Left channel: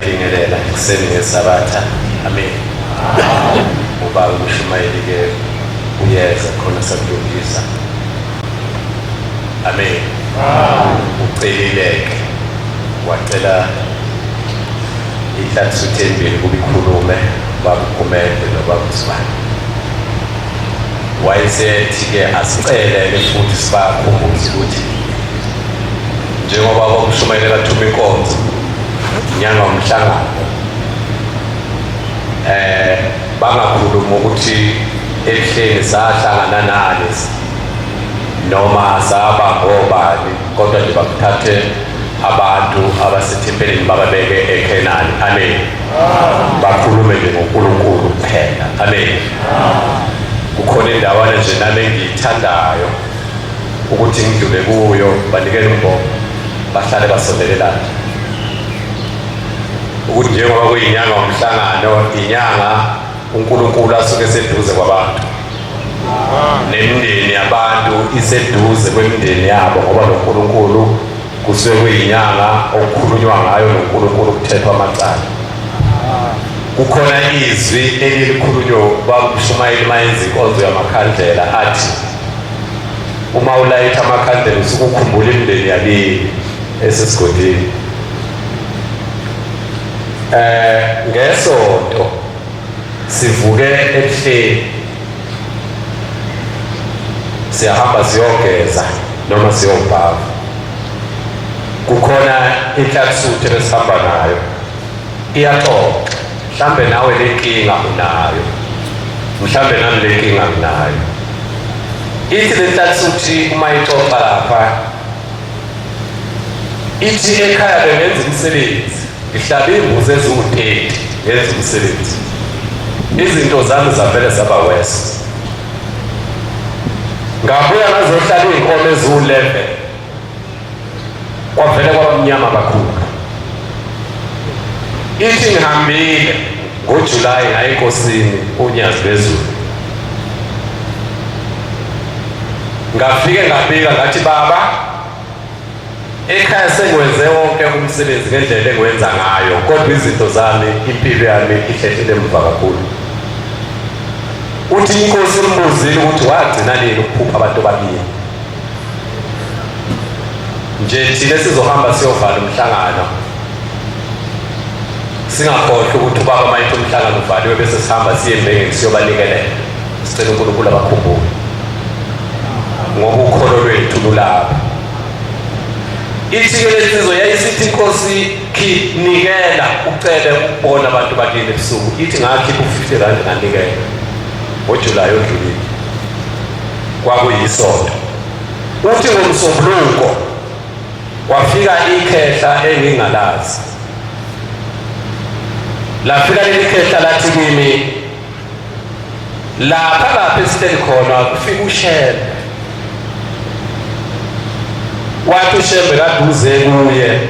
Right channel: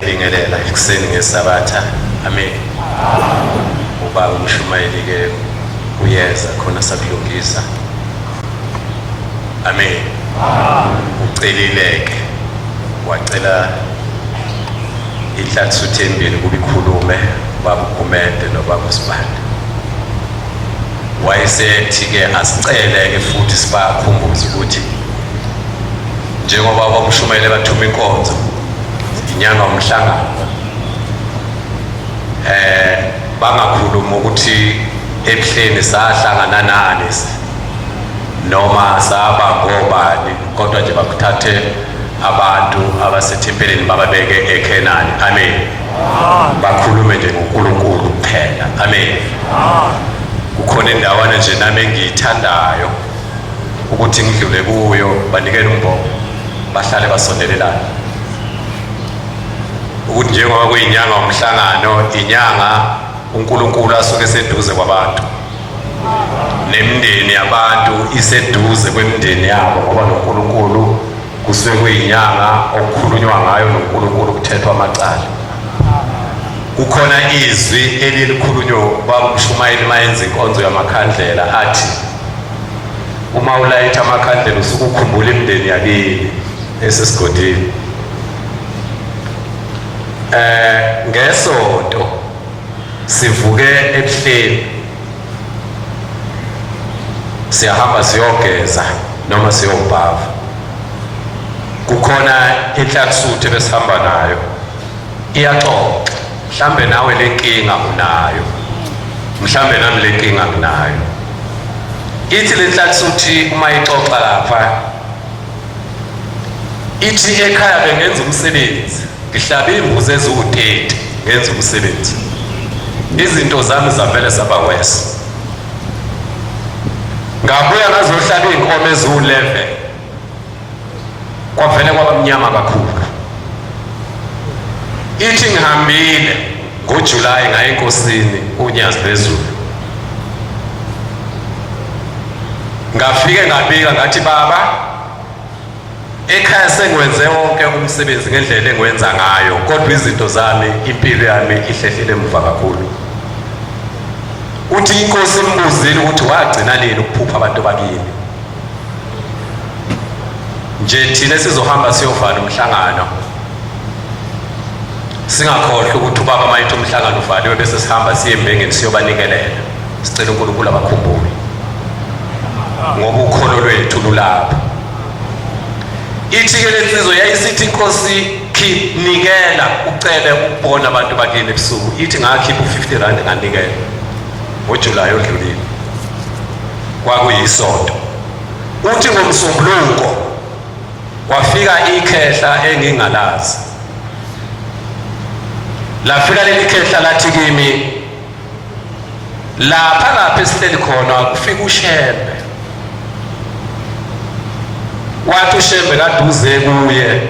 Ingelela ekuseni ngesabatha. Amen. Ubaba umshumayeli ke uyeza khona sakulungisa. Amen. Ucelileke wacela ihlathuthe embili kubikhulume baba uGumede nobaba uSibani. Wayesethi ke asiceleke futhi sibakhumbuze ukuthi njengoba abamshumayeli bathuma inkonzo inyanga umhlangano bangakhuluma ukuthi ebuhleni sahlangana nani noma saba ngobani kodwa nje bakuthathe abantu abasethempelini bababeke eKenani. Amen. Bakhulume nje ngoNkulunkulu kuphela. Amen. Kukhona indawana nje nami engiyithandayo ukuthi ngidlule kuyo banikele umbongo bahlale basondelelana ukuthi njengoba kuyinyanga umhlangano inyanga uNkulunkulu asuke seduze kwabantu nemindeni yabantu iseduze kwemindeni yabo ngoba noNkulunkulu kusuke kuyinyanga okukhulunywa ngayo noNkulunkulu kuthethwa amacala. Kukhona izwi elilikhulunywa babumshumayeli mayenza inkonzo yamakhandlela athi uma ulayitha amakhandlela usuke ukhumbula imindeni yakini esesigodini. Ngesonto sivuke ebuhleni siyahamba siyogeza noma siyobhava. Kukhona inhlathuthe besihamba nayo iyaxoxa mhlambe nawe lenkinga unayo mhlambe nami lenkinga nginayo. Ithi lenhlathuthe uma ixoxa lapha ithi ekhaya bengenza umsebenzi ngihlabe imbuzi eziwu-30 ngenza umsebenzi izinto zami zavele zaba wese. Ngabuya ngazohlala iy'nkomo eziwu-11 kwavele kwaba mnyama kakhulu. Ithi ngihambile ngoJulayi ngaya enkosini uNyazi Bezulu ngafike ngabika ngathi baba ekhaya sengwenze wonke umsebenzi ngendlela engwenza ngayo kodwa izinto zami impilo yami ihlehlele emva kakhulu. Uthi inkosi imbuzile ukuthi wagcina nini ukuphupha abantu bakini nje thina sizohamba siyovala umhlangano singakhohlwa ukuthi ubaba mayithi umhlangano uvaliwe bese sihamba siye embengeni siyobanikelela sicela uNkulunkulu abakhumbule ngoba ukholo lwethu lulapha. Ithi ke lensizwa yayisithi inkosi nikela ucele ukubona abantu bakini ebusuku. Ithi ngakhipha u50 nganikela ngoJulayi odlulile kwakuyisonto. Uthi ngomsombuluko kwafika ikhehla engingalazi lafika leli khehla lathi kimi lapha esihleli khona kufika uShembe. Wathi uShembe kaduze kuye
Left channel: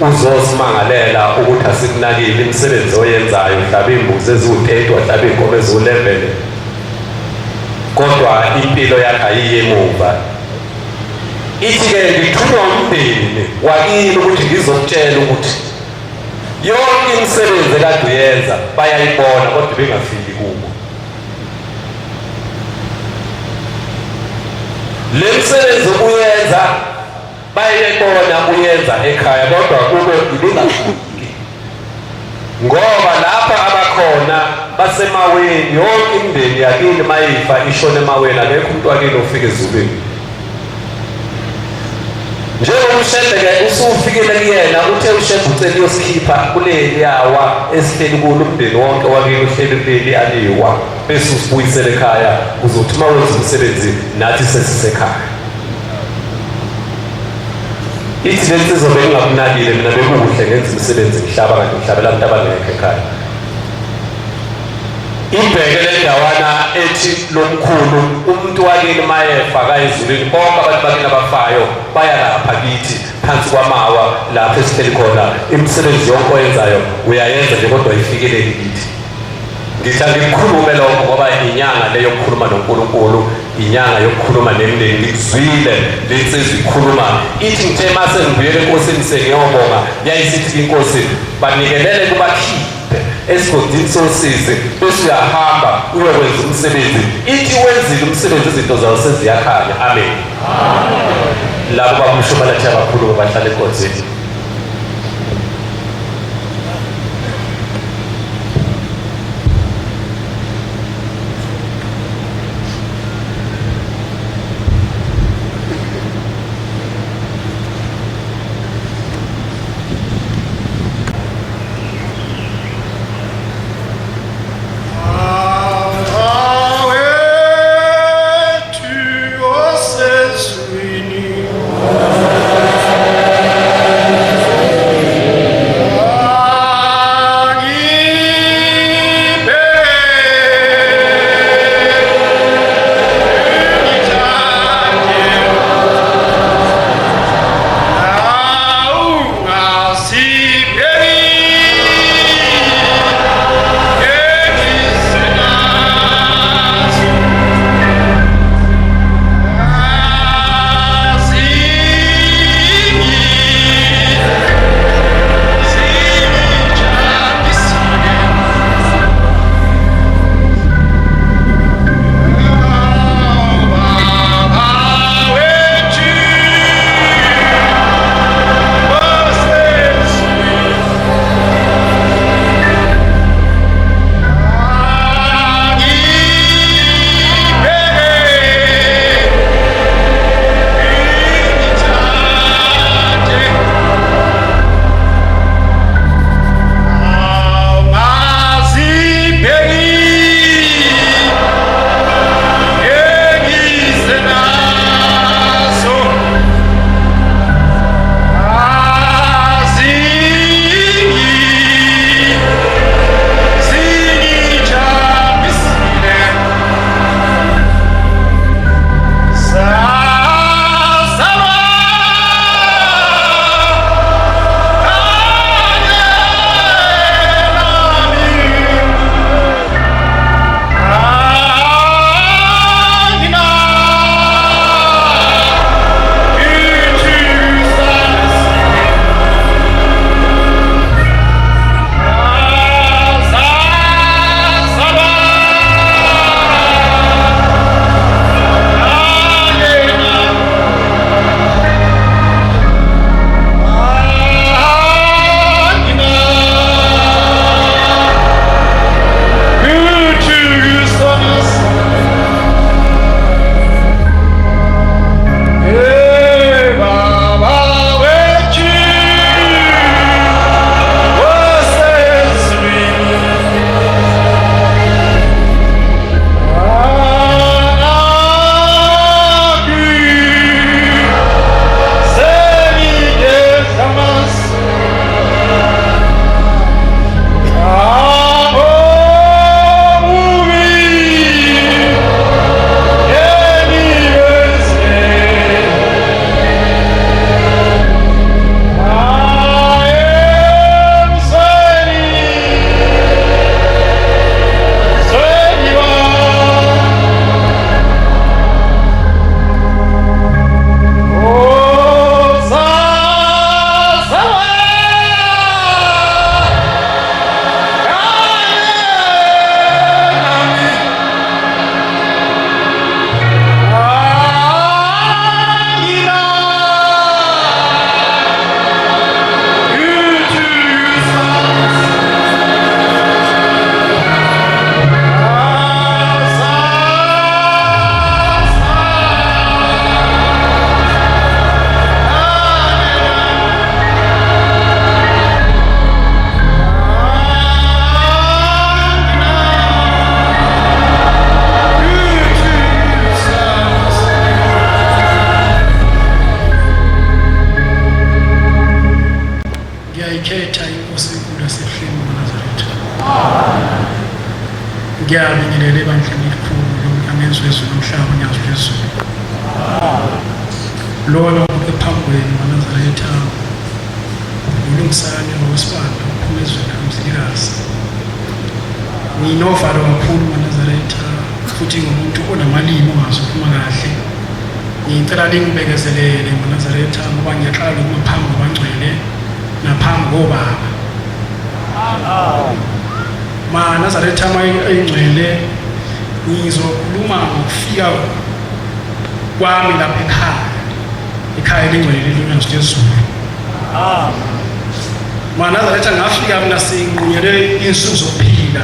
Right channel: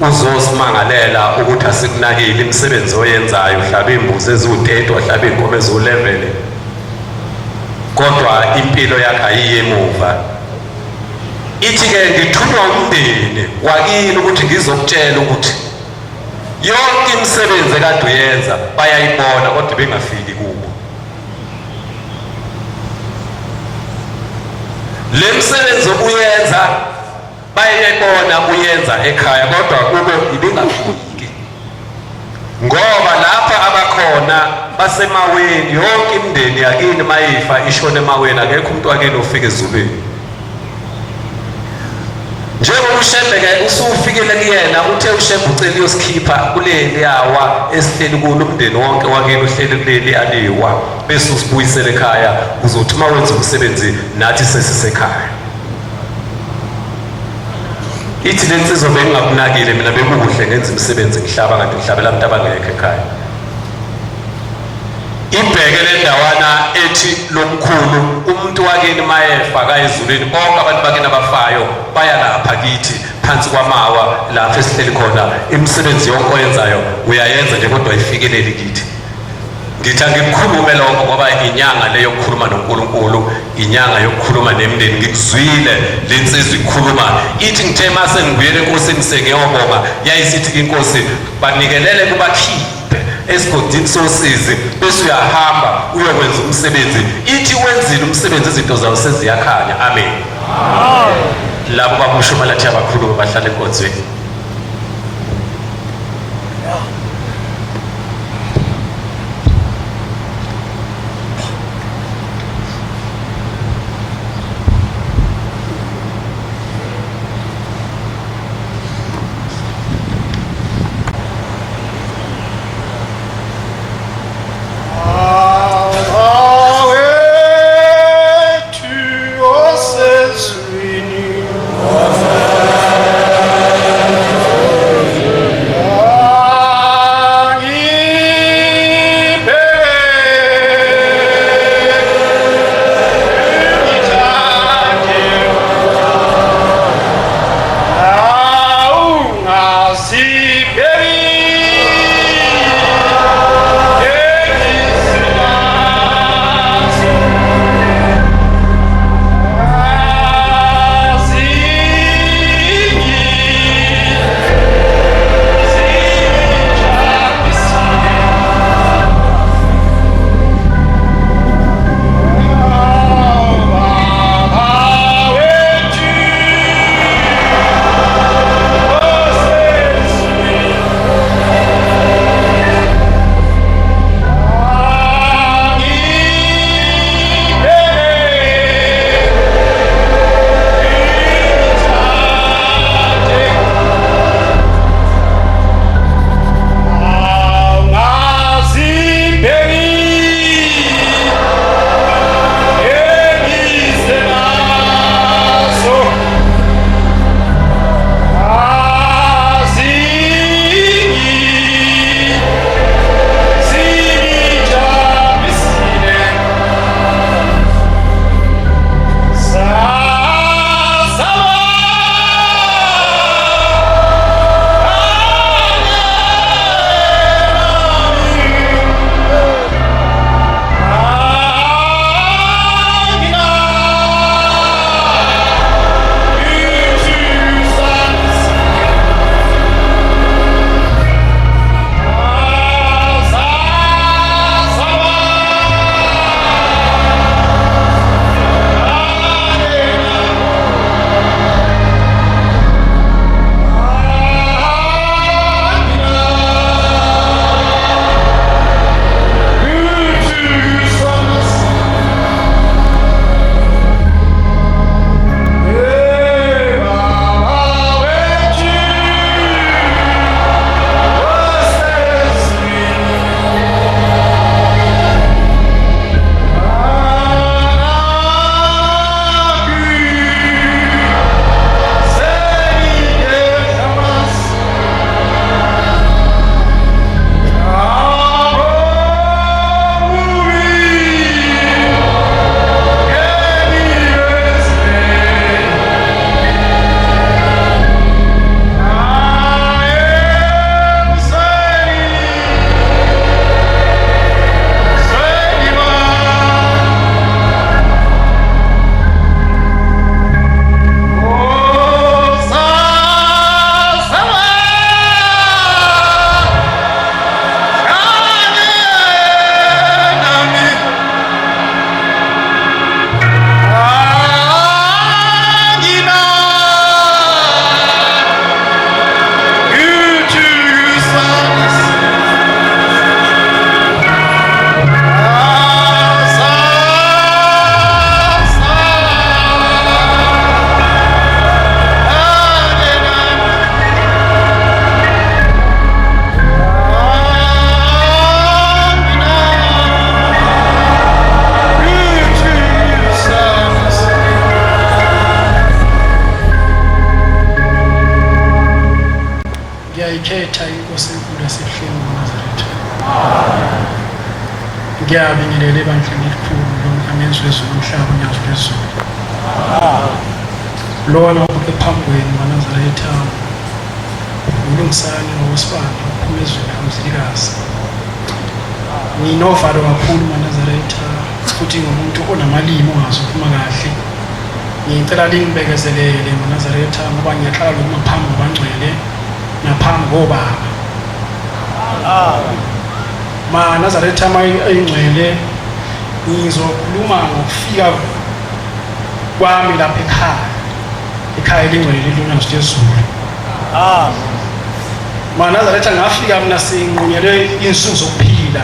uzosimangalela ukuthi asikunakile imisebenzi oyenzayo uhlaba imbuzi eziwu-30 wahlaba iy'nkomo eziwu-11 kodwa impilo yakhe ayiye emuva. Ithi-ke ngithunywa umndeni wakini ukuthi ngizokutshela ukuthi yonke imisebenzi ekade uyenza bayayibona kodwa bengafiki kubo. Le misebenzi uyenza bayayibona uyenza ekhaya kodwa kube ibingafiki ngoba lapha abakhona basemaweni yonke imindeni yakini mayifa ishone emaweni akekho umuntu wakini ofika ezulwini. Njengoba uShembe-ke usufikile kuyena uthe uShembe ucela uyosikhipha kuleli yawa esihleli kulo umndeni wonke wakini uhleli kuleli aliwa bese usibuyisele ekhaya uzothi uma wenza umsebenzi nathi sesisekhaya. Ithi lensizwa bengingakunakile mina bekuhle ngenza umsebenzi ngihlaba kanti ngihlabela abantu abangekho ekhaya. Ibheke le ndawana ethi lomkhulu umuntu wakini mayefa kayezulwini bonke abantu bakini abafayo baya lapha kithi phansi kwamawa lapha esihleli khona imisebenzi yonke oyenzayo uyayenza nje kodwa ayifikeleli kithi. ngithi angikukhulume lokho ngoba inyanga leyo yokukhuluma noNkulunkulu, inyanga yokukhuluma nemindeni. Ngikuzwile lensizwa ikhuluma ithi ngithe mase ngibuyele enkosini sengiyobonga, yayisithi inkosi banikelele kubakhiphe esigodini sosizi bese uyahamba uyokwenza umsebenzi. Ithi wenzile umsebenzi, izinto zawo seziyakhanya. Amen. Labo babushumayela abakhulu bahlala enkonzweni. ngiyayikhetha inkosi enkulu yasehleni uNazaretha. Ngiyabingelela ebandleni elikhulu lonkamezwe ezulu nomhlaba nyazo phezulu. Lona ubuke phambi kwenu uNazaretha, ulungisane ngokwesibando uphumezweni kamzilikazi. nginovalo kakhulu uManazaretha futhi ngumuntu onamalimi ongazi ukukhuluma kahle. Ngicela lingibekezelele uManazaretha ngoba ngiyaxala lokuma phambi kwabangcwele naphambi kobaba. uManazaretha mayingcwele ngizokhuluma ngokufika kwami lapha ekhaya elingcwele loNyazwi lezulu. uManazaretha ngafika mina sinqunyelwe insuku zokuphila.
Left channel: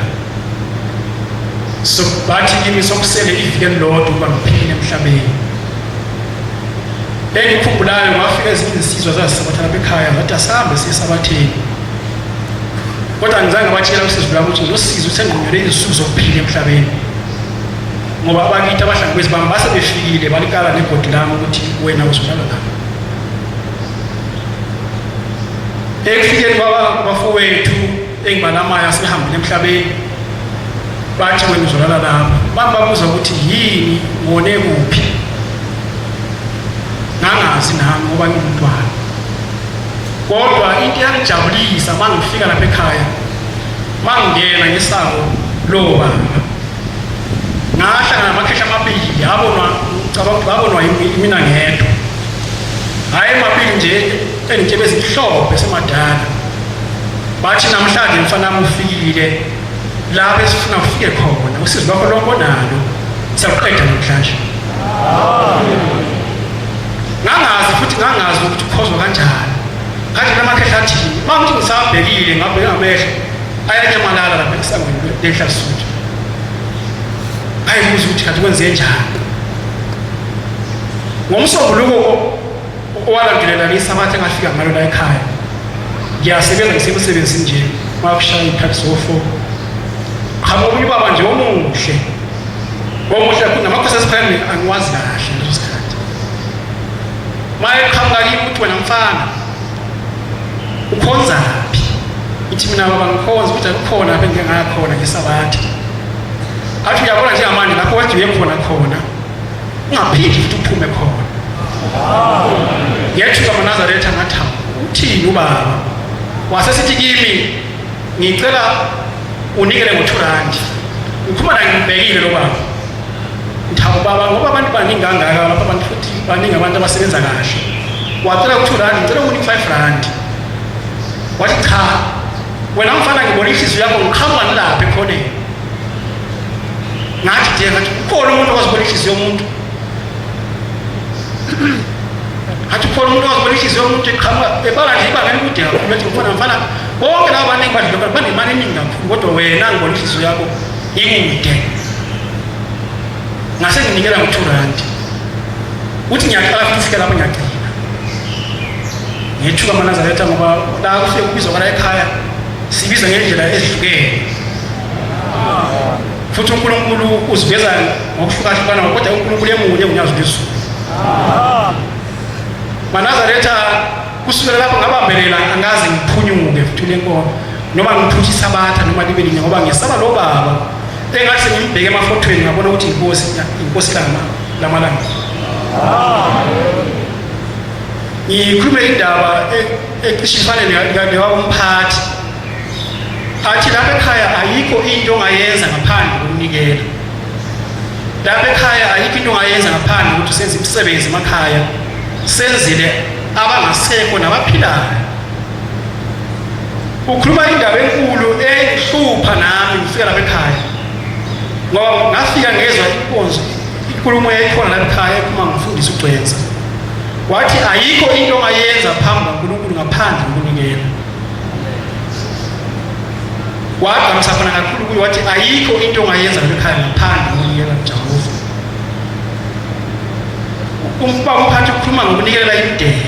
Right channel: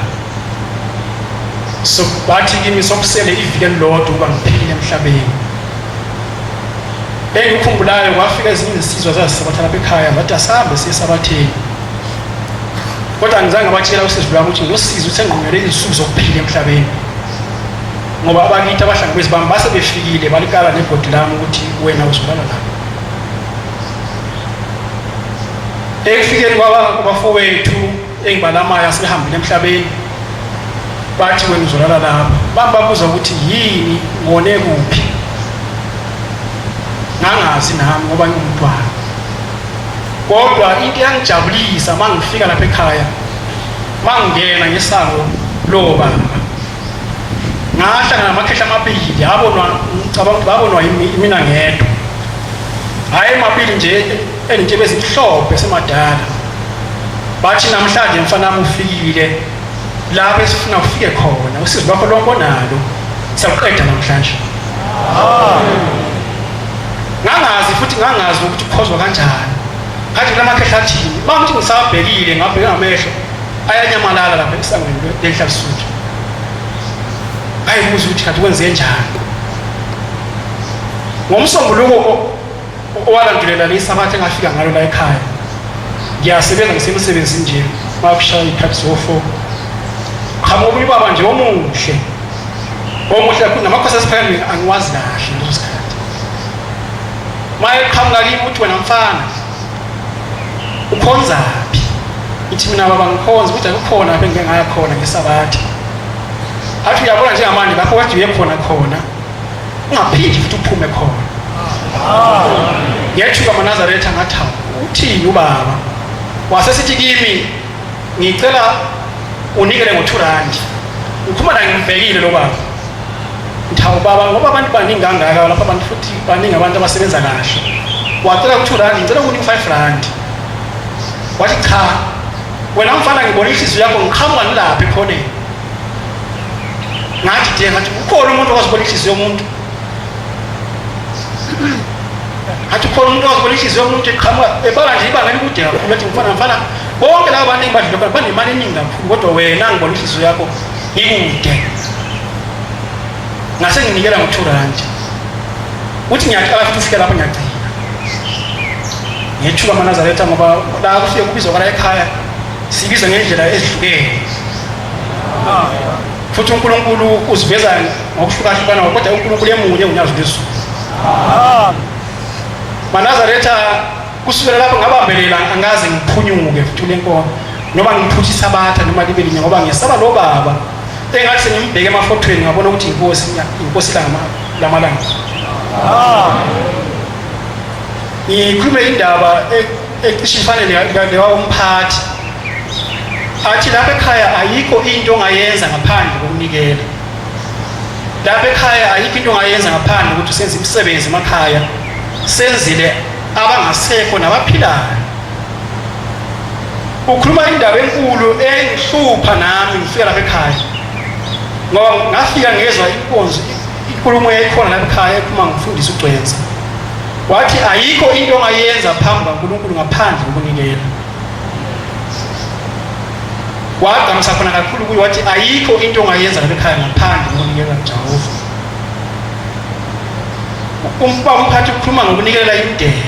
So bathi kimi sokusele iviki elilodwa ukuba ngiphile emhlabeni. Engikhumbulayo ngafika ezinye izisizwa zazisabatha lapha ekhaya ngathi asahambe siye esabatheni. Kodwa ngizange ngabatshela usizwe lwami ukuthi ngilosizo senqonyelwe insuku zokuphila emhlabeni. Ngoba abakithi abahlangabezi bami base befikile balikala nebhodi lami ukuthi wena uzolala lapha. Ekufikeni kwabafowethu engibalamayo asihambile emhlabeni bathi wena uzolala lapha. Bababuza ukuthi yini ngone kuphi. Ngangazi nami ngoba ngingumntwana. Kodwa into yangijabulisa mangifika lapha ekhaya mangingena ngesango lobaba. Ngahlangana namakhehla amabili abonwa ngicabanga ukuthi babonwa mina ngedwa. Hayi amabili nje enintshebe ezimhlophe semadala. Bathi namhlanje mfana wami ufikile lapho esifuna ufike khona. Usizo lwakho lonkonalo siyakuqeda namhlanje. Ngangazi ukuthi ukhozwa kanjani. Kanti lamakhehla athi mangithi ngisabhekile ngabheka ngamehlo ayanyamalala lapha esangweni leHla Lesotho. Ayibuza ukuthi kanti kwenze njani. Ngomsombuluko owalandulela lesabathe ngafika ngalo la ekhaya. Ngiyasebenza ngisemsebenzini nje makushaya ikhathi zofo. Khamobuli baba nje omuhle. Omuhle kakhulu namakhosi asiphakeme angiwazi kahle leso sikhathi. Maye qhamuka kimi uthi wena mfana ukhonzaphi? Ithi mina baba ngikhonza ukuthi akukhona lapho engingaya khona ngesabathe. Athi uyabona njengamanje lapho wathi uye khona ungaphindi futhi uphume khona. Yethuka uManazaretha ngathi uthini ubaba? Wasesithi kimi ngicela unikele ngo2 ukhuluma la ngibhekile lo baba. Ngithawu baba ngoba abantu baningi kangaka lapha abantu futhi baningi abantu abasebenza kahle. Wacela u2 ngicela ukunike u5. Wathi cha wena mfana ngibona inhliziyo yakho ngiqhamuka nilapha ekhoneni. Ngathi ngathi ukhona umuntu ozibona inhliziyo yomuntu. Athi ukhona umuntu ozibona inhliziyo yomuntu eqhamuka ebala nje ibanga elikude kakhulu athi mfana bonke laba baningi badlula banemali eningi kakhulu kodwa wena ngibona inhliziyo yakho ikude. Ngase nginikela ngo2. Uthi ngiyaqala futhi ufike lapho ngiyagcina. Ngiyethuka uManazaretha ngoba la kufike kubizwa kwala ekhaya sibiza ngendlela ezihlukene. Futhi uNkulunkulu uziveza ngokuhlukahlukana kodwa uNkulunkulu emunye uNyazwi lezulu. uManazaretha kusukela lapho ngabambelela angaze ngiphunyuke futhi lenkomo noma ngiphuthi isabatha noma libe linye ngoba ngiyasaba lo baba. Engathi sengimbheke emafotweni ngabona ukuthi inkosi lamalanga. Ngikhulume indaba ecishe ifane newaumphathi. Athi lapha ekhaya ayikho into ongayenza ngaphandle kokunikela. Lapha ekhaya ayikho into ongayenza ngaphandle ukuthi usenze imisebenzi emakhaya. Senzile abangasekho nabaphilayo. Ukhuluma indaba enkulu engihlupha nami ngifika lapha ekhaya. Ngoba ngafika ngezwe inkonzo inkulumo yayikhona lapha ekhaya ephuma ngifundisa uGcwensa. Wathi ayikho into ongayenza phambi kaNkulunkulu ngaphandle kokunikela. Waqhamisa khona kakhulu kuyo wathi ayikho into ongayenza lapha ekhaya ngaphandle kokunikela kuJehova. Umphathi ukhuluma ngokunikela imideni.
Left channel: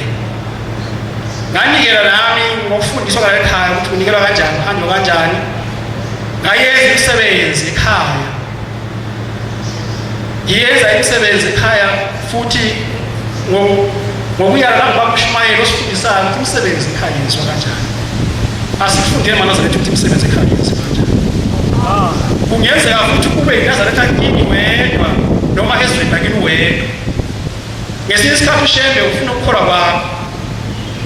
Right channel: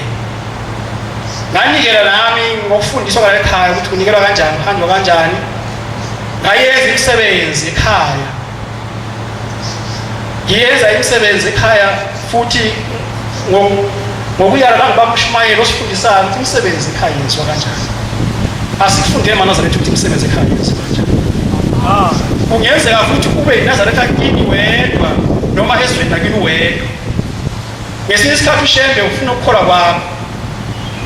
Nganikela nami ngokufundiswa la ekhaya ukuthi kunikela kanjani, kuhanjwa kanjani. Ngayenza imisebenzi ekhaya. Ngiyenza imisebenzi ekhaya futhi ngokuyala ngibaba uShumayeli osifundisayo ukuthi imisebenzi ekhaya yenziwa kanjani. Asifundele uManazaretha ukuthi imisebenzi ekhaya yenziwa kanjani. Kungenzeka futhi kube uNazaretha kini wedwa noma ezweni lakini wedwa. Ngesinye isikhathi ushembe ufuna ukukholwa kwakho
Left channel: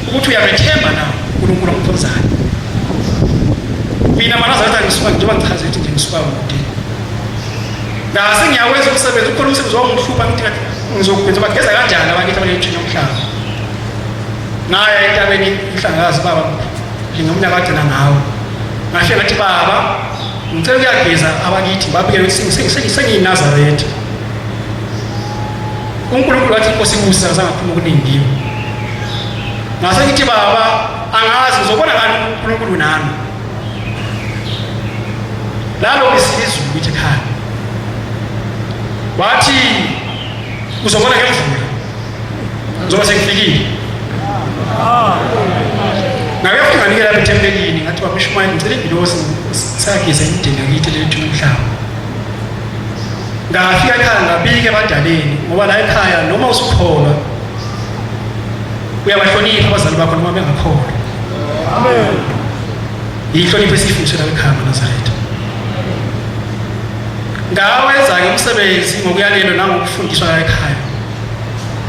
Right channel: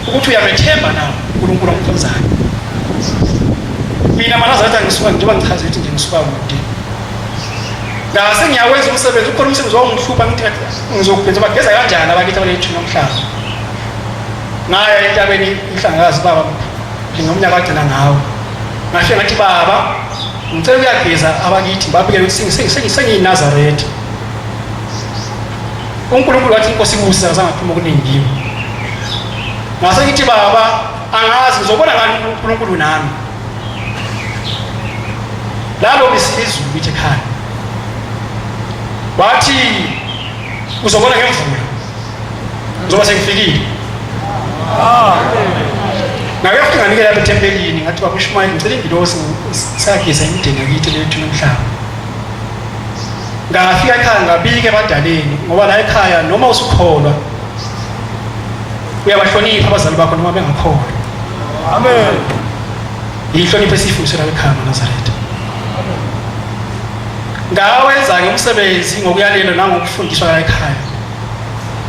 ukuthi uyamethemba na uNkulunkulu omkhonzayo. Mina mina maNazaretha ngisuka njengoba ngichaze ukuthi nje ngisuka kude ngase ngiyakwenza umsebenzi ukhona umsebenzi wangihlupa ngithi ngizokwenza bageza kanjani abakithi abalethini nomhlaba ngaya entabeni ihlangakazi baba njengomnyaka kagcina ngawo ngafika ngathi baba ngicela ukuyageza abakithi babikele ukuthi sengiyiNazaretha uNkulunkulu wathi inkosi ibusa akasangaphuma okuningiwe ngase ngithi baba angazi ngizobona ngani uNkulunkulu nami lalo bisilizulu lithi ekhaya wathi uzobona ngemvula ngizoba sengifikile nawe yafika nginikela lapha ethempelini ngathi baba uShumayeli ngicela ingilosi sageza imideni yakithi lethu nomhlaba ngafika ekhaya ngabike ebadaleni ngoba la ekhaya noma usukholwa uyabahlonipha abazali bakho noma bengakholwa amen ihlonipho esifundiswa la ekhaya maNazaretha ngawenza-ke umsebenzi ngokuyalelwa nangokufundiswa la ekhaya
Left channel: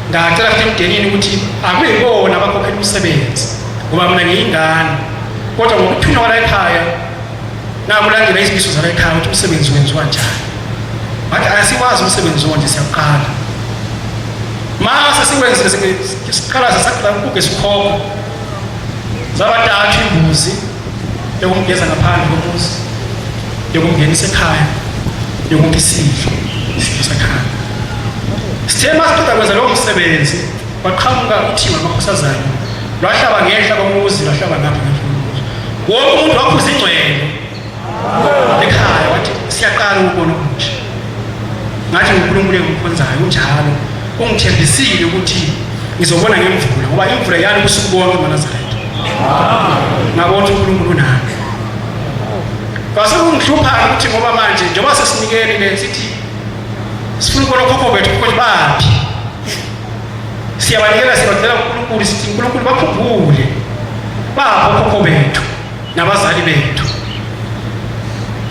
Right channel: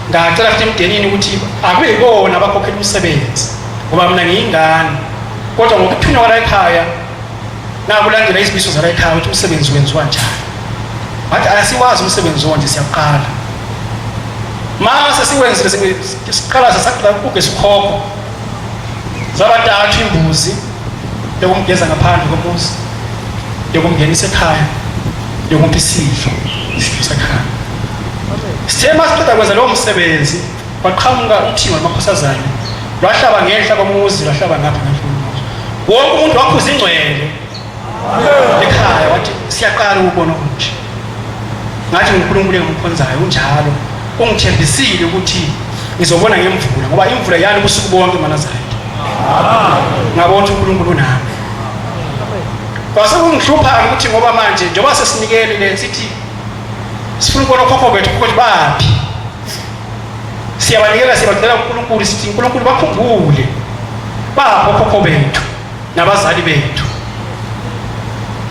ngacela futhi emdenini ukuthi akuyibona abakhokhela umsebenzi ngoba mina ngiyingane kodwa ngokuthunywa la ekhaya nakulandela izimiso zala ekhaya ukuthi umsebenzi wenziwa njani wathi asiwazi umsebenzi onje siyaqala mase siwenzile siqala sasaqala ukuge sikhokho zabathathu imbuzi yokumgeza ngaphandle komuzi yokumngenisa ekhaya yokumpha isidlo sakhaya sithe masiqeda kwenza lowo msebenzi waqhamuka uthimba lamakhosazana lwahlaba ngehla komuzi lwahlaba ngapha ngemfundo wonke umuntu waphuza ingcwele ekhaya wathi siyaqala ukubona ukuthi ngathi uNkulunkulu engimkhonzayo unjalo ungithembisile ukuthi ngizobona ngemvula ngoba imvula yani ubusuku bonke maNazaretha ngabona uNkulunkulu nami base kungihlupha ukuthi ngoba manje njengoba sesinikele le sithi sifuna ukubona khokho bethu ukuthi baphi siyabanikela sibacela uNkulunkulu sithi uNkulunkulu bakhumbule bapho khokho bethu nabazali bethu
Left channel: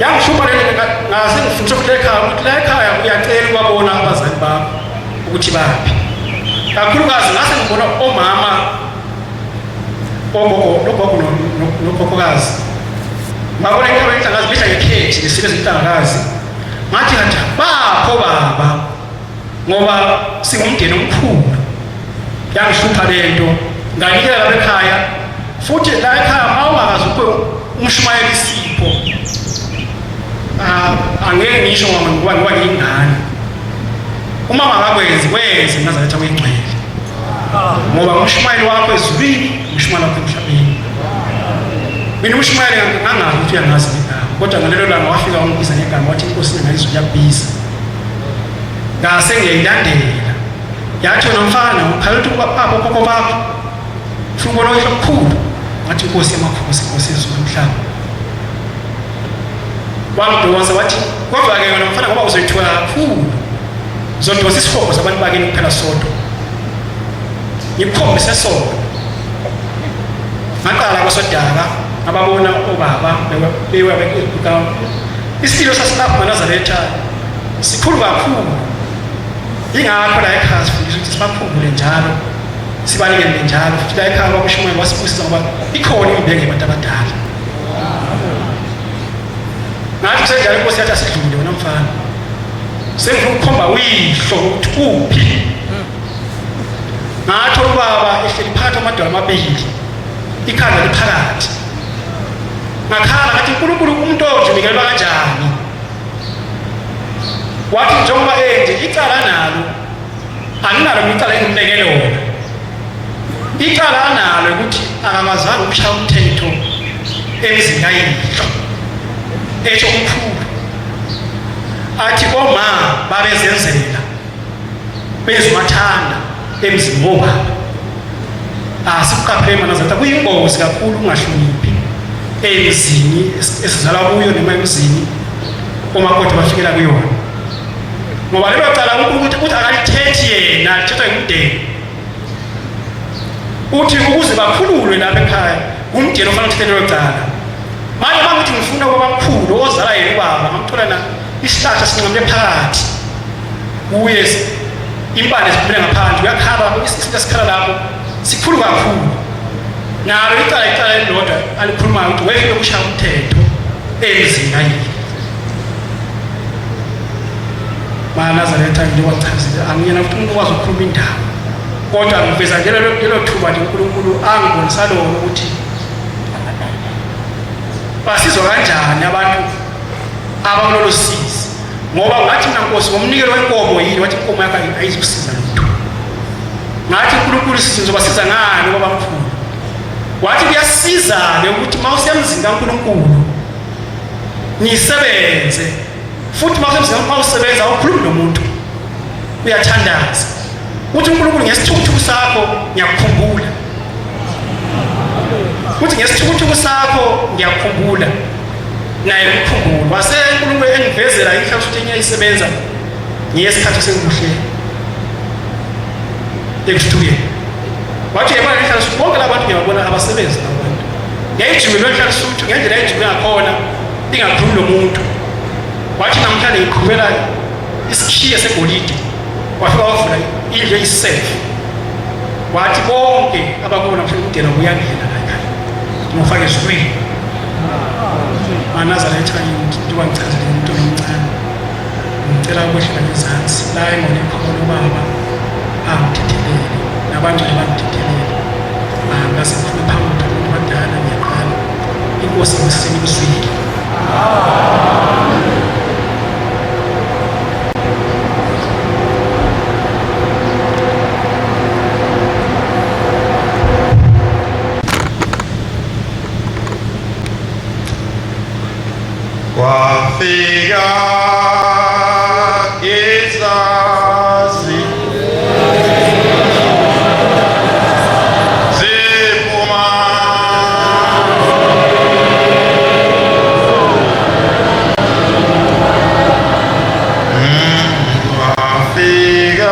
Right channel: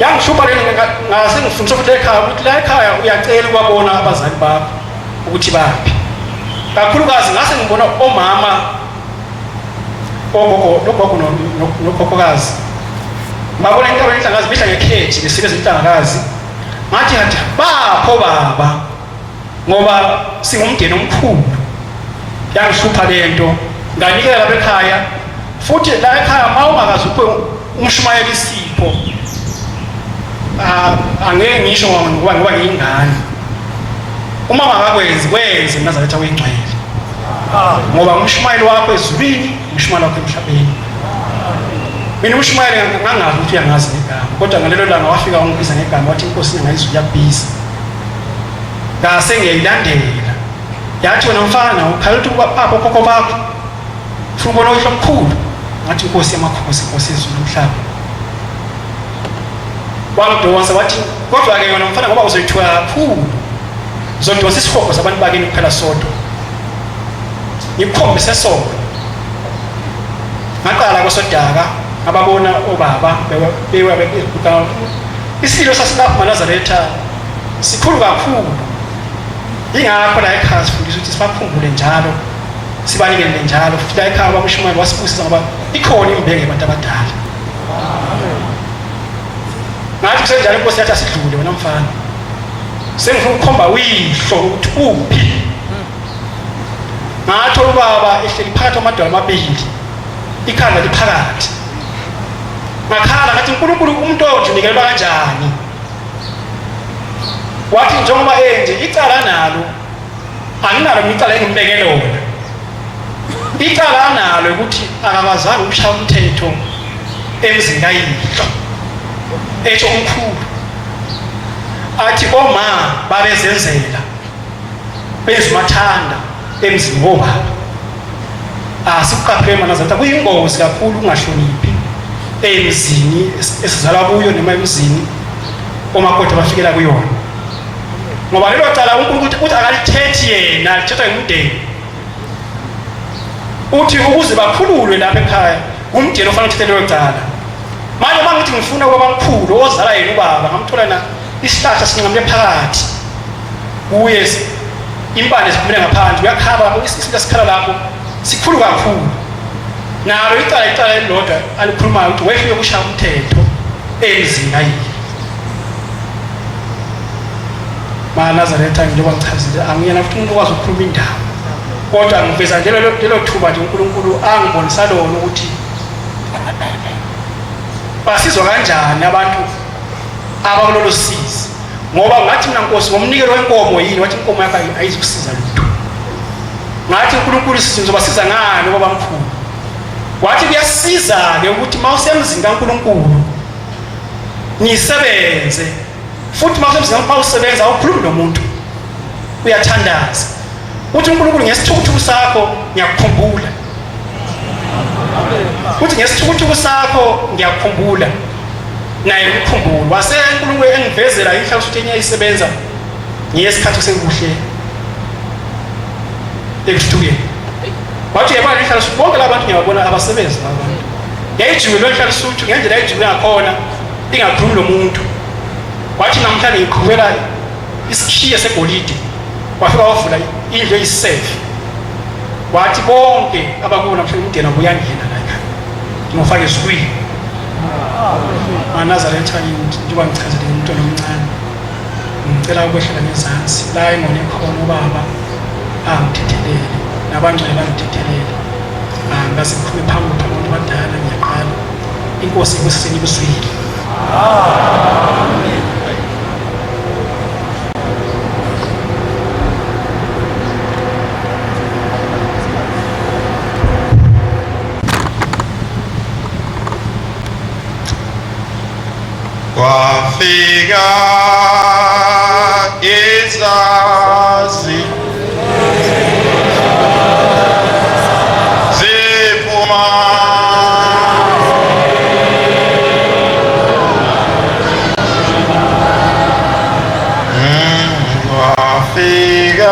yangihlupha lena ngase ngifundiswa ukuthi ekhaya ukuthi la ekhaya uyacela ukubona abazali bakho ukuthi baphi kakhulukazi ngase ngibona omama ogogo nokhokhokazi babona inkaba inhlangakazi bihla ngekhethi nesibe zenhlangakazi ngathi bapho baba ngoba singumndeni omkhulu yangihlupha lento nganikela lapha ekhaya futhi la ekhaya mawungakazi uphe umshumayeli isipho angeke ngisho ngoba ngiyingane uma ngakwenzi kwenze Nazaretha wengcwele ngoba umshumayeli wakho ezulwini umshumayeli wakho emhlabeni mina umshumayeli ngangazi ukuthi uyangazi ngegama kodwa ngalelo langa wafika ungibiza ngegama wathi inkosi ngayizulu yakubiza ngase ngiyayilandela yathi wena mfana ukhala ukuthi bapha okhokho bakho ufuna ukubona uyihlo omkhulu ngathi inkosi yamakhosi inkosi yezulu nomhlaba wangidonsa wathi kodwa-ke wena mfana ngoba uzoyithuka kakhulu uzodonsa isihogo sabantu bakini kuphela sodwa ngikukhombise sona ngaqala kwesodaka ababona obaba beyibuka isilo sasilapho maNazaretha sikhulu kakhulu ingakho la ekhaya sifundisa ukuthi sibakhumbule njalo sibanikele njalo futhi la ekhaya bakushumayeli wasibusisa ngoba ikhona imbenge yabantu abadala ngathi kusenjalo inkosi yathi asidlule wena mfana sengifuna ukukhomba uyihlo ukuthi kuphi ngathi ubaba ehleli phakathi kwamadwala amabili ikhanda liphakathi ngakhala ngathi uNkulunkulu umuntu onje unikelwa kanjani wathi njengoba enje icala nalo anginalo icala engimbeke lona icala analo ukuthi akakazange ukushaya umthetho emzini kayihlo etho umkhulu athi oma babezenzela bezumathanda emzini wobaba sikuqaphele maNazaretha kuyingozi kakhulu ungahloniphi emzini esizalwa kuyo noma emzini omakoti bafikela kuyona ngoba lelo cala uNkulunkulu uthi akalithethi yena lithethwa ngumndeni uthi ukuze bakhululwe lapha ekhaya umndeni ofanele uthethe lelo cala manje mangithi ngifuna ukuba mkhulu ozala yena ubaba ngamthola na isihlahla sincamle phakathi kuye impande ziphumele ngaphandle uyakhala isinto esikhala lapho sikhulu kakhulu nalo icala elilodwa alikhulumayo ukuthi wefike kushaya umthetho emzini ayile. MaNazaretha njengoba ngichazile angiyena futhi umuntu okwazi ukukhuluma indaba, kodwa ngiveza lelo thuba nje uNkulunkulu angibonisa lona ukuthi basizwa kanjani abantu abakulolu sizi, ngoba ngathi mina Nkosi ngomnikelo wenkomo yini, wathi inkomo yakho ayizukusiza lutho. Ngathi uNkulunkulu sizobasiza ngani ngoba mkhulu, wathi kuyasiza-ke ukuthi uma usemzini kaNkulunkulu nisebenze, futhi uma usemzini uma usebenza awukhulumi nomuntu, uyathandaza. Uthi uNkulunkulu ngesithukuthuku sakho ngiyakukhumbula, uthi ngesithukuthuku sakho ngiyakukhumbula, naye umkhumbulo. Wase uNkulunkulu engivezela inhlanhla ukuthi ngiyayisebenza ngesikhathi sekuhle ekuthuthukeni. Wathi yabona inhlanhla ukuthi bonke labantu ngiyabona abasebenzi abantu. Yayijiwe lo inhlanhla ukuthi ngendlela yayijiwe ngakhona ingakhulumi lomuntu. Wathi namhlanje ngiqhubela isikhiye segolide, wafika wavula indlu eyisafe. Wathi bonke abakubona mhlawumbe umndeni uyangena la ekhaya ngofaka esikwini. MaNazaretha njengoba ngichazile umntwana omncane, ngicela ukwehlela ngezansi la engone khona ubaba angithethelele nabangcwele bangithethelele. Angase ngikhulume phambi kwabantu abadala, ngiyaqala. Inkosi ikusini kuswile. Wafika izazi ziphuma wafika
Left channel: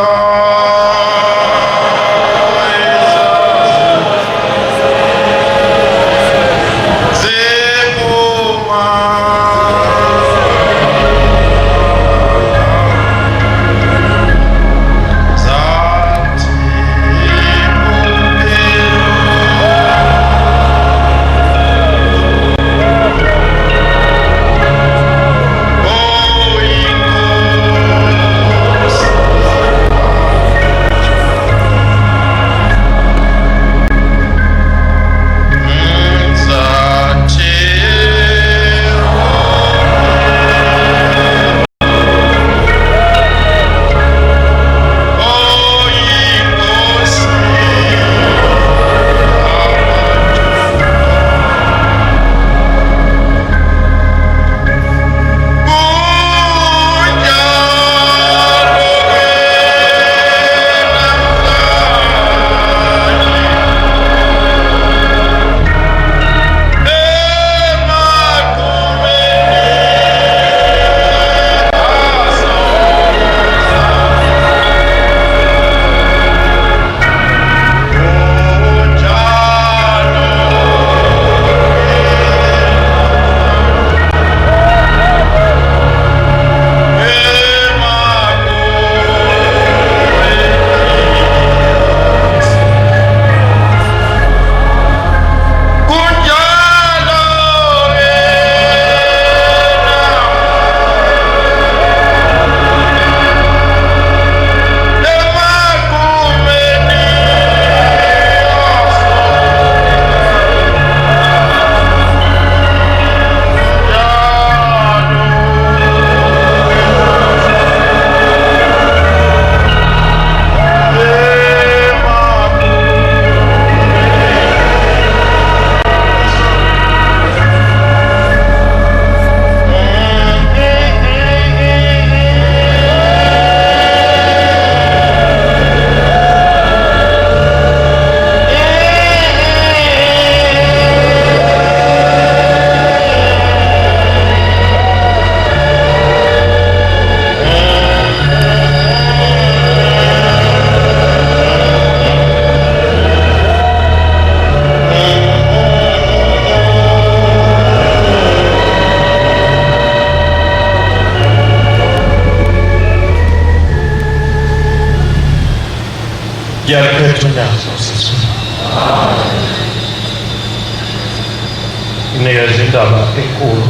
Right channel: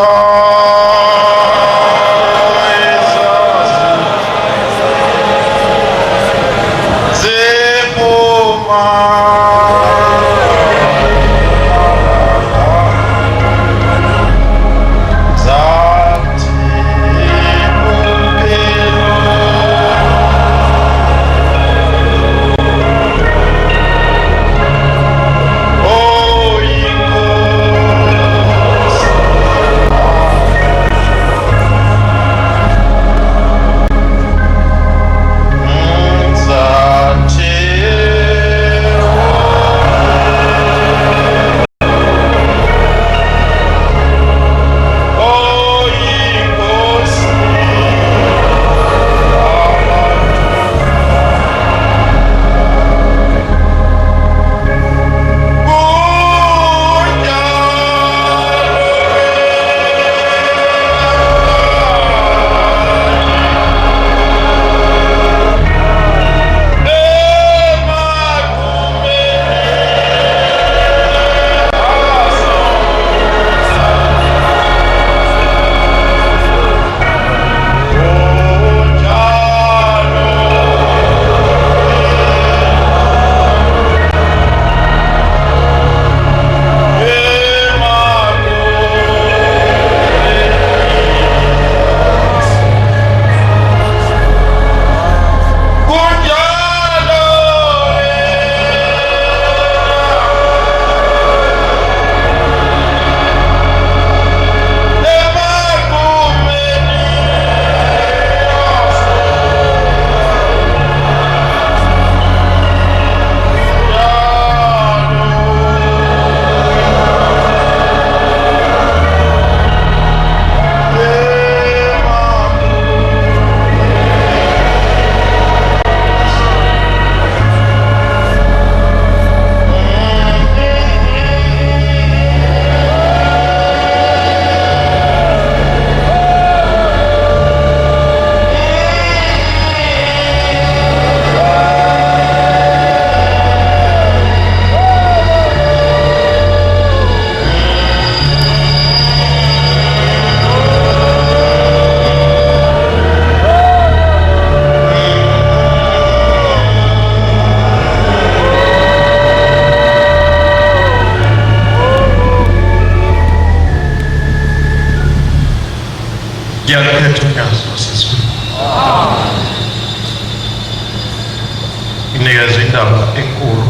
Inikeza indaba enkulu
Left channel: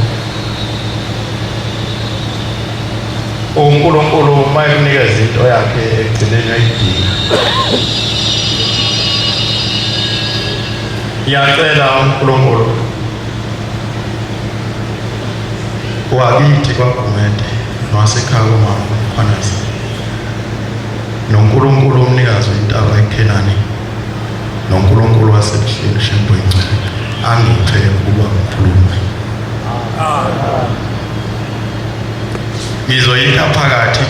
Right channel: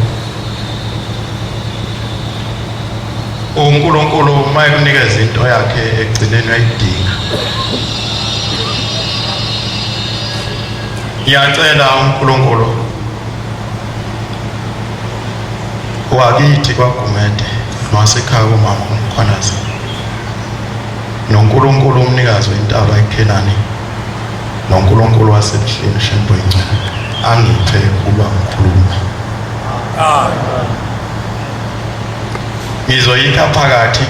uNkulunkulu mayekunikeza into yakhe egcineni ayidinga. Ngiyacela uNkulunkulu wakithi kwaGumede nowasekhaya kumama uMkhwanazi noNkulunkulu umnikazi wentaba eKhenani noNkulunkulu wasebuhleni Shembo ingcwele angiphe ukuba ngikhulume. Ngizoyikha phakathi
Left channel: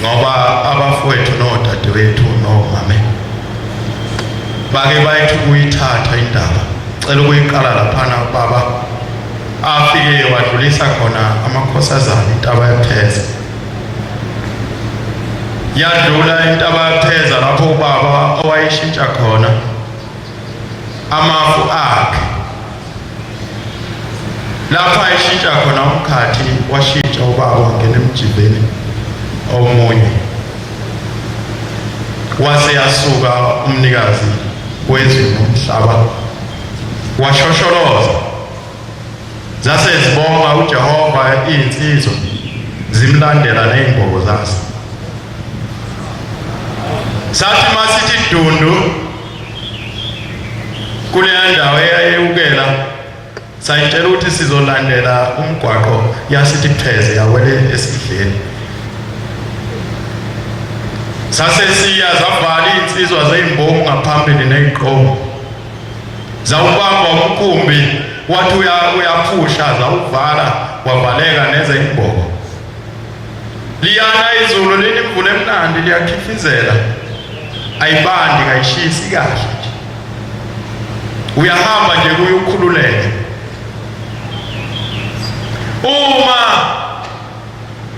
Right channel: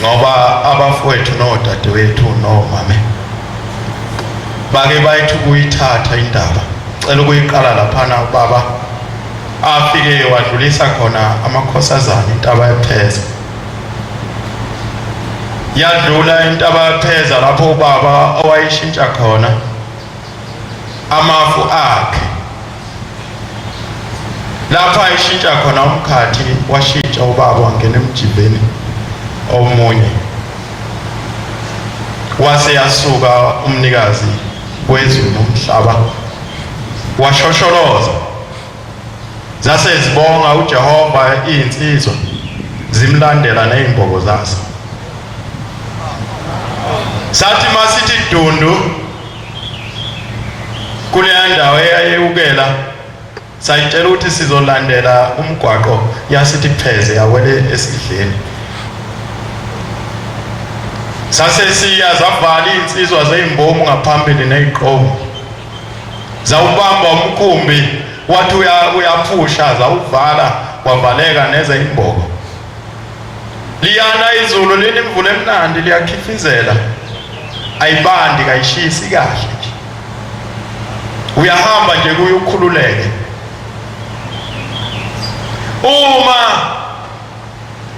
ngoba abafowethu nodadewethu nomame bake bayithu kuyithatha indaba. Cela ukuyiqala laphana baba afike wadlulisa khona amakhosazana intaba yapheza. Yadlula intaba yapheza lapho ubaba owayishintsha khona amafu akhe. Lapha ayishintsha khona umkhathi washintsha ubaba wangena emjibeni omunye. Wase yasuka umnikazi wezwe nomhlaba washosholoza. Zase zibonga uJehova insizwa zimlandela nezimbogo zazo. Sathi masithi dundu kule ndawo eyayukela sayitshela ukuthi sizolandela umgwaqo yasithi pheze yawele esidleni. Sase siya zavala insizwa zezimbomu ngaphambili neziqomo. Zawubamba umkhumbi wathi uyaphusha zawuvala wavaleka nezezimbogo. Liyana izulu linemvula emnandi liyakhifizela. Ayibandi kayishisi kahle. Uyahamba nje kuyokhululeke. Uma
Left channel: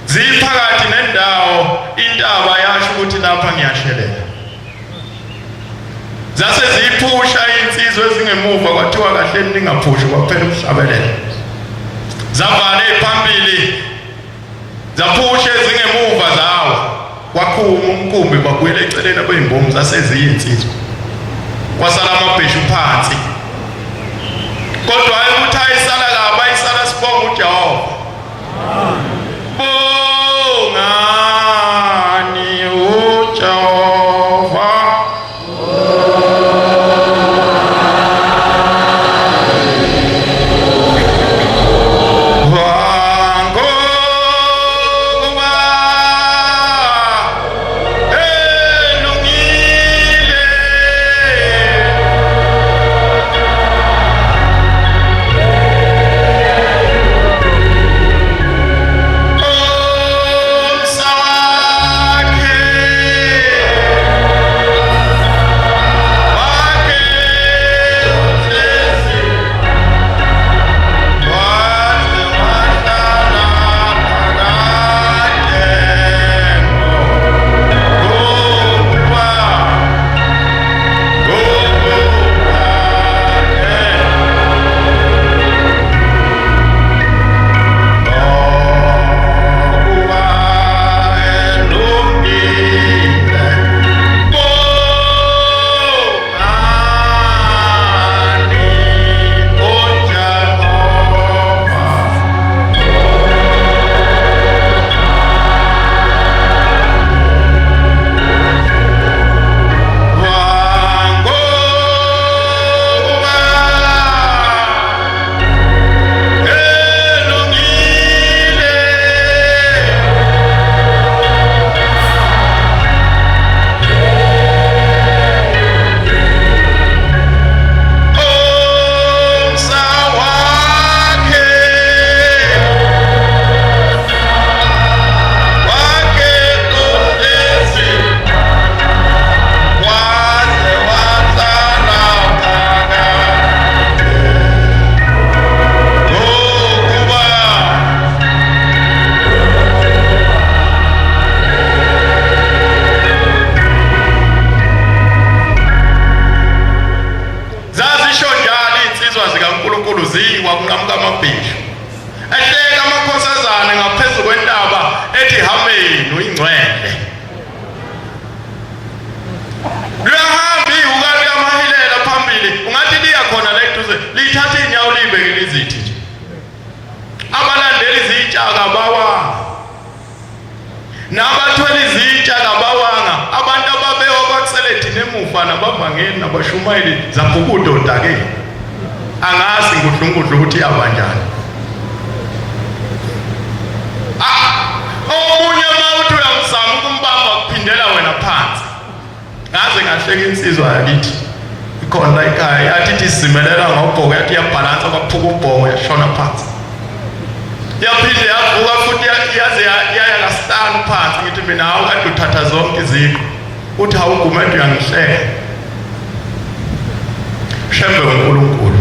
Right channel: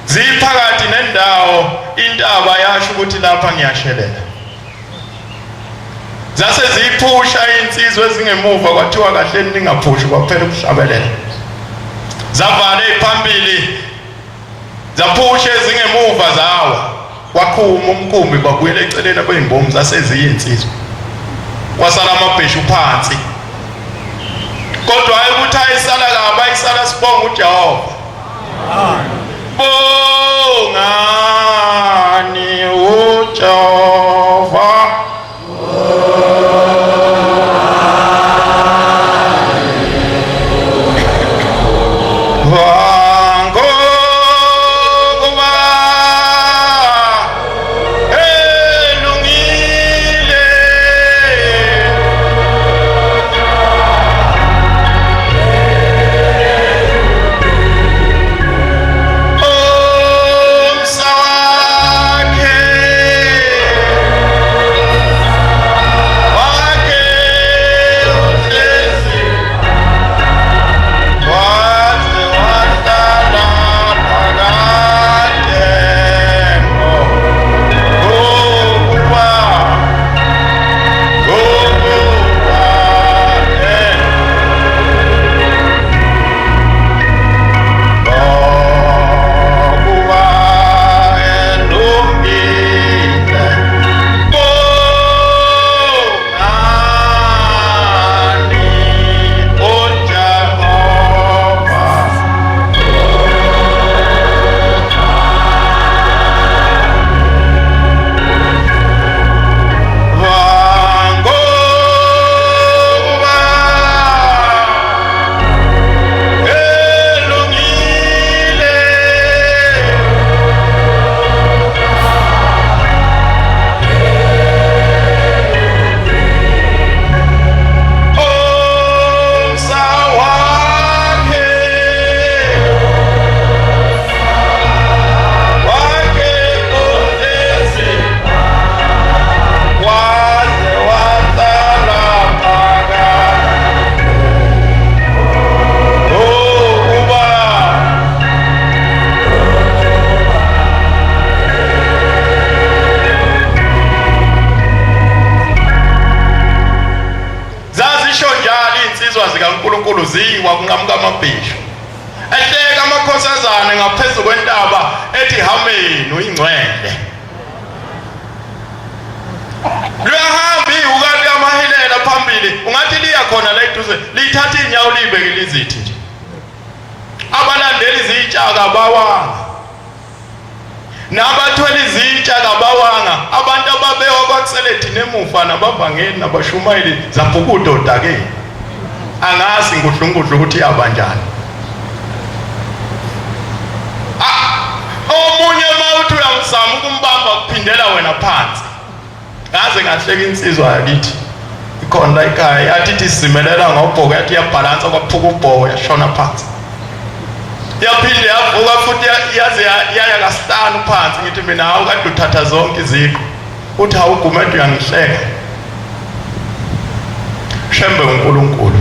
ziphakathi nendawo intaba yasho ukuthi lapha ngiyashelela. Zase ziphusha insizwe ezingemuva kwathiwa kahle ningaphushi kwaphela ukuhlabelela. Zavala ephambili zaphusha ezingemuva zawo. Wakhuma umkhumbi kwakuyela eceleni kwezimbomu zase ziyinsizwe. Kwasala amabheshu phansi. Kodwa ukuthi ayisala kabi ayisala sibonga uJehova. Bongani uJehova. uNkulunkulu ziwa kunqamuka amabhisho ehleka amakhosazana ngaphezulu kwentaba ethi hameni uyingcwele lihamba ihuka liyamahilela phambili ungathi liya khona la eduze lithatha inyawo libeke lizithi nje abalandeli izitshaka bawanga nabathwele izitsha kabawanga abantu ababewa kwakuseledi nemufa nabavangeli nabashumayeli zabhukudoda-ke angazi ngudlungudlu ukuthi yabanjani. Omunye mawuthi uyamzama ukumbamba kuphindela wena phansi. Ngaze ngahleka insizwa yakithi ikhona la ekhaya yathi ithi sizimelela ngobhoko yathi yabhalansa kwaphuka ubhoko yashona phansi. Yaphinde yavuka futhi yaze yaya kasitani phansi ngithi mina hawu kade uthatha zonke iziko. Uthi hawugumede uyangihleka. Shembe uNkulunkulu.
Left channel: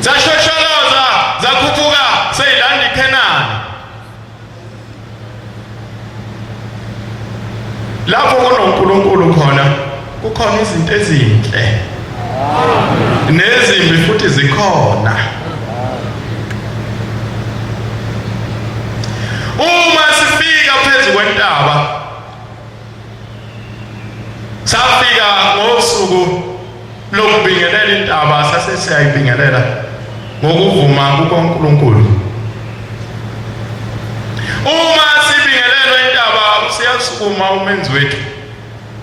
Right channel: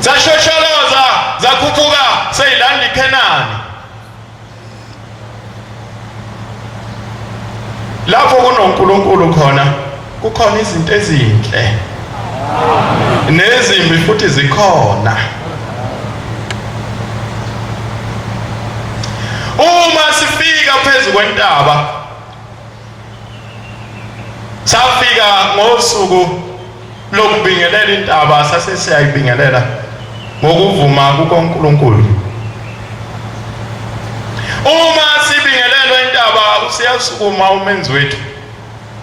Zashosholoza zakhuphuka seyilanda iKhenani. Lapho kunoNkulunkulu khona kukhona izinto ezinhle nezimbi futhi zikhona. Uma sifika phezu kwentaba safika ngosuku lokubingelela intaba sase siyayibingelela ngokuvuma kuNkulunkulu. Uma sibingelelwe intaba usiyasukuma umenzi wethu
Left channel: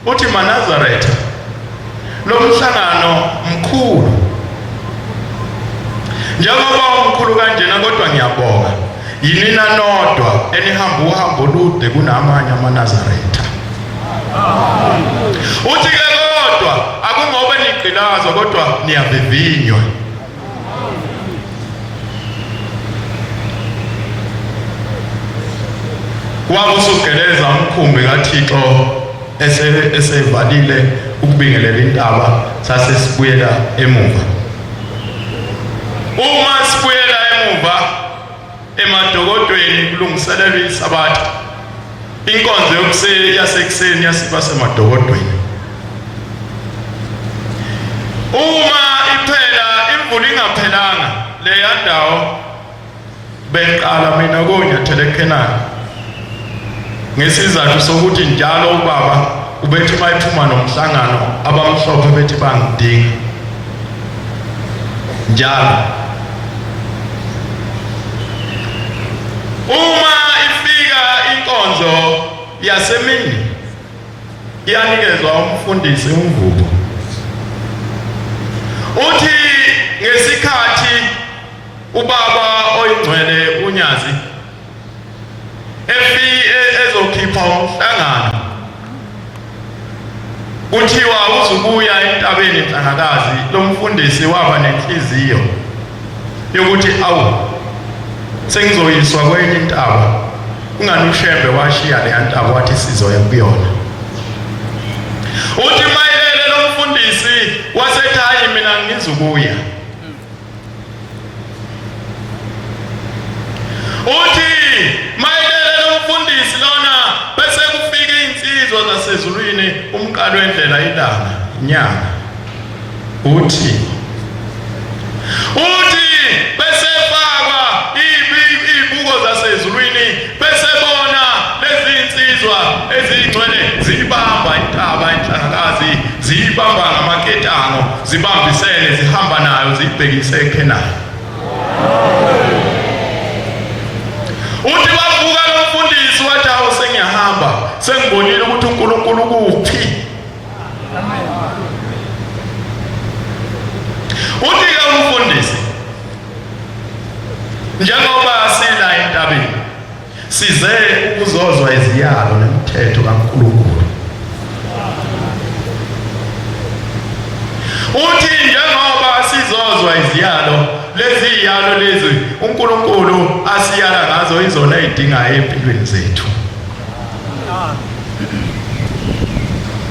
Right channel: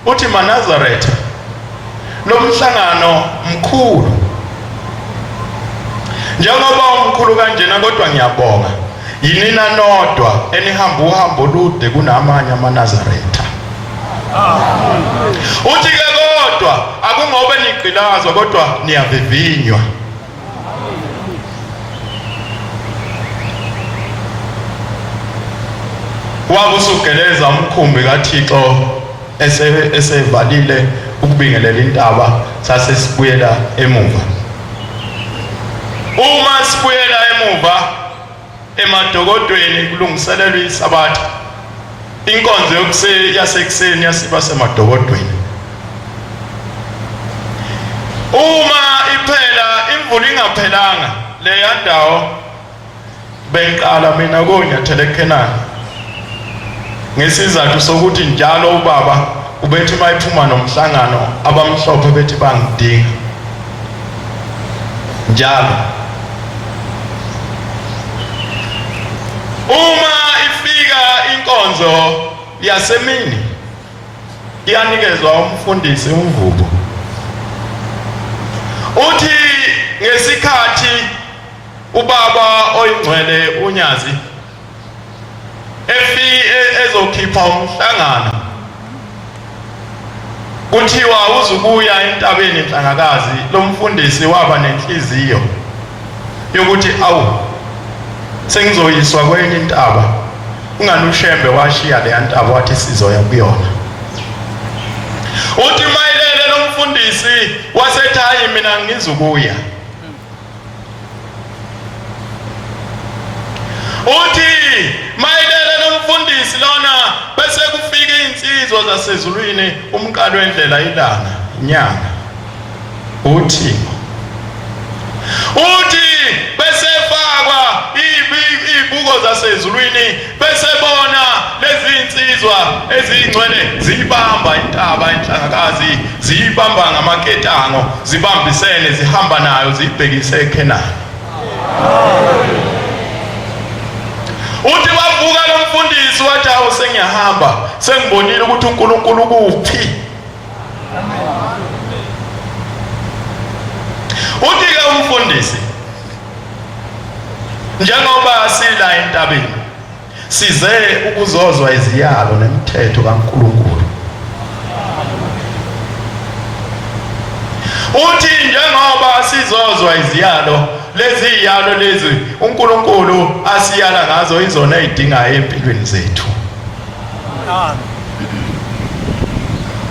uthi Manazaretha lo mhlangano mkhulu njengoba umkhulu kanjena kodwa ngiyabonga yinina nodwa enihamba uhambo olude kunamanye amaNazaretha. Uthi-ke kodwa akungobe nigqilazwa kodwa niyavivinywa. Wabusugeleza umkhumbi kaThixo esevalile ukubingelela intaba sase sibuyela emuva. Uma sibuyela emuva emadokodweni kulungiselelwa isabatha inkonzo yasekuseni yasiba semadokodweni. Uma iphela imvula ingaphelanga leya ndawo benqala mina konyathele eKhenani ngesizathu sokuthi njalo ubaba ubethi mayiphuma nomhlangano abamhlophe bethi bangidinga njalo. Uma ifika inkonzo yasemini iyanikezwa umfundisi umvubo. Uthi ngesikhathi ubaba oyingcwele uNyazi ezokhipha umhlangano kuthiwa uzukuya entabeni Nhlangakazi, lo mfundisi waba nenhliziyo yokuthi awu sengizoyiswa kwenye intaba. Ungani uShembe washiya le ntaba wathi sizoya kuyona. Uthi mayelele lo mfundisi wasethi hayi mina ngizukuya. Uthi mayelele lo mfundisi lona bese kufika insizwa zasezulwini umqalo wendlela ilanga inyanga. Uthi bese fakwa izibuko zasezulwini bese bona lezi insizwa ezingcwele zibamba intaba Nhlangakazi zibamba ngamaketango zibambisene zihamba nayo zibhekise eKhenani. Uthi bavuka lo mfundisi wathi awu sengiyahamba sengibonile ukuthi uNkulunkulu kuphi. Uthi-ke umfundisi njengoba sila entabeni size ukuzozwa iziyalo nemithetho kaNkulunkulu. Uthi njengoba sizozwa iziyalo lezi iyalo lezi uNkulunkulu asiyala ngazo izona ezidingayo empilweni zethu.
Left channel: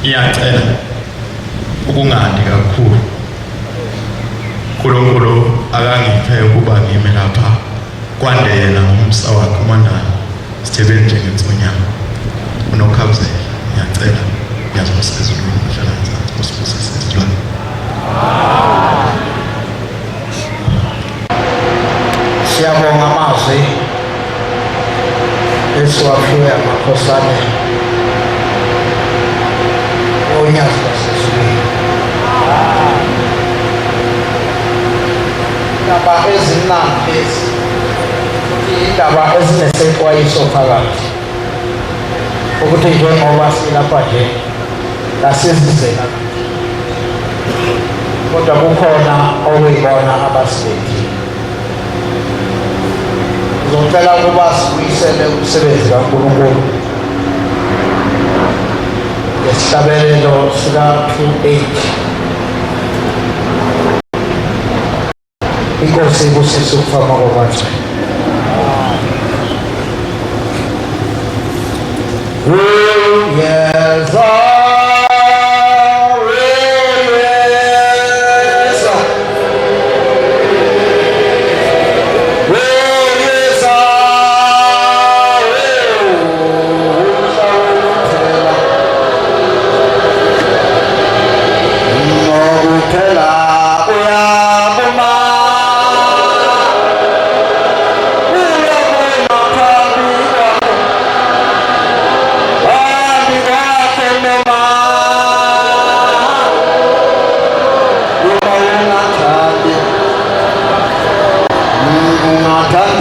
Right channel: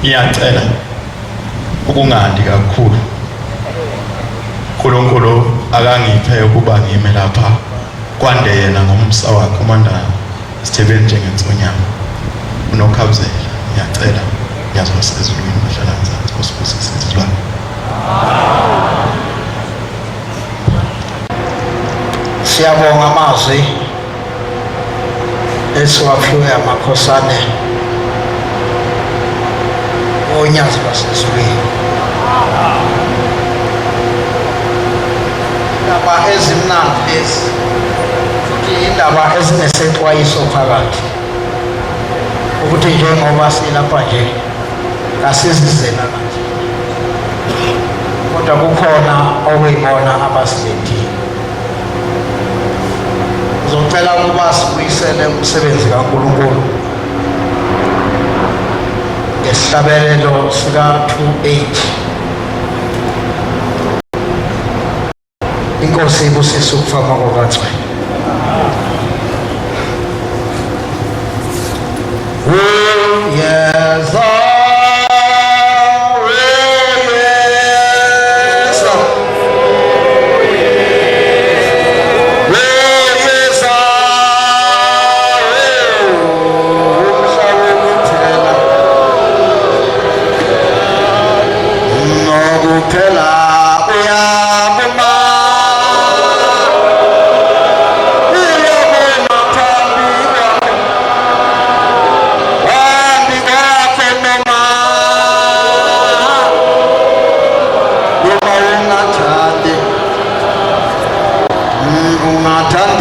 Ngiyacela ukungandi kakhulu. uNkulunkulu akangiphe ukuba ngime lapha kwande yena ngomsa wakhe uMandala Sithebeni njengensonyama uNokhabuzela. Ngiyacela ngiyazwa ezulwini bahlala ngezansi usibusise izilwane. Siyabonga amazwi esiwaphiwe amakhosana onyazi basezulwini. Indaba ezimnandi lezi futhi indaba ezinesexwayiso phakathi ukuthi njengoba silapha nje kasizizela kodwa kukhona okuyibona abasilethile. Ngizocela ukuba sibuyisele umsebenzi kaNkulunkulu ngesihlabelelo sika-2:8. Inkosi ibusise ukufama kokathwe. Yes,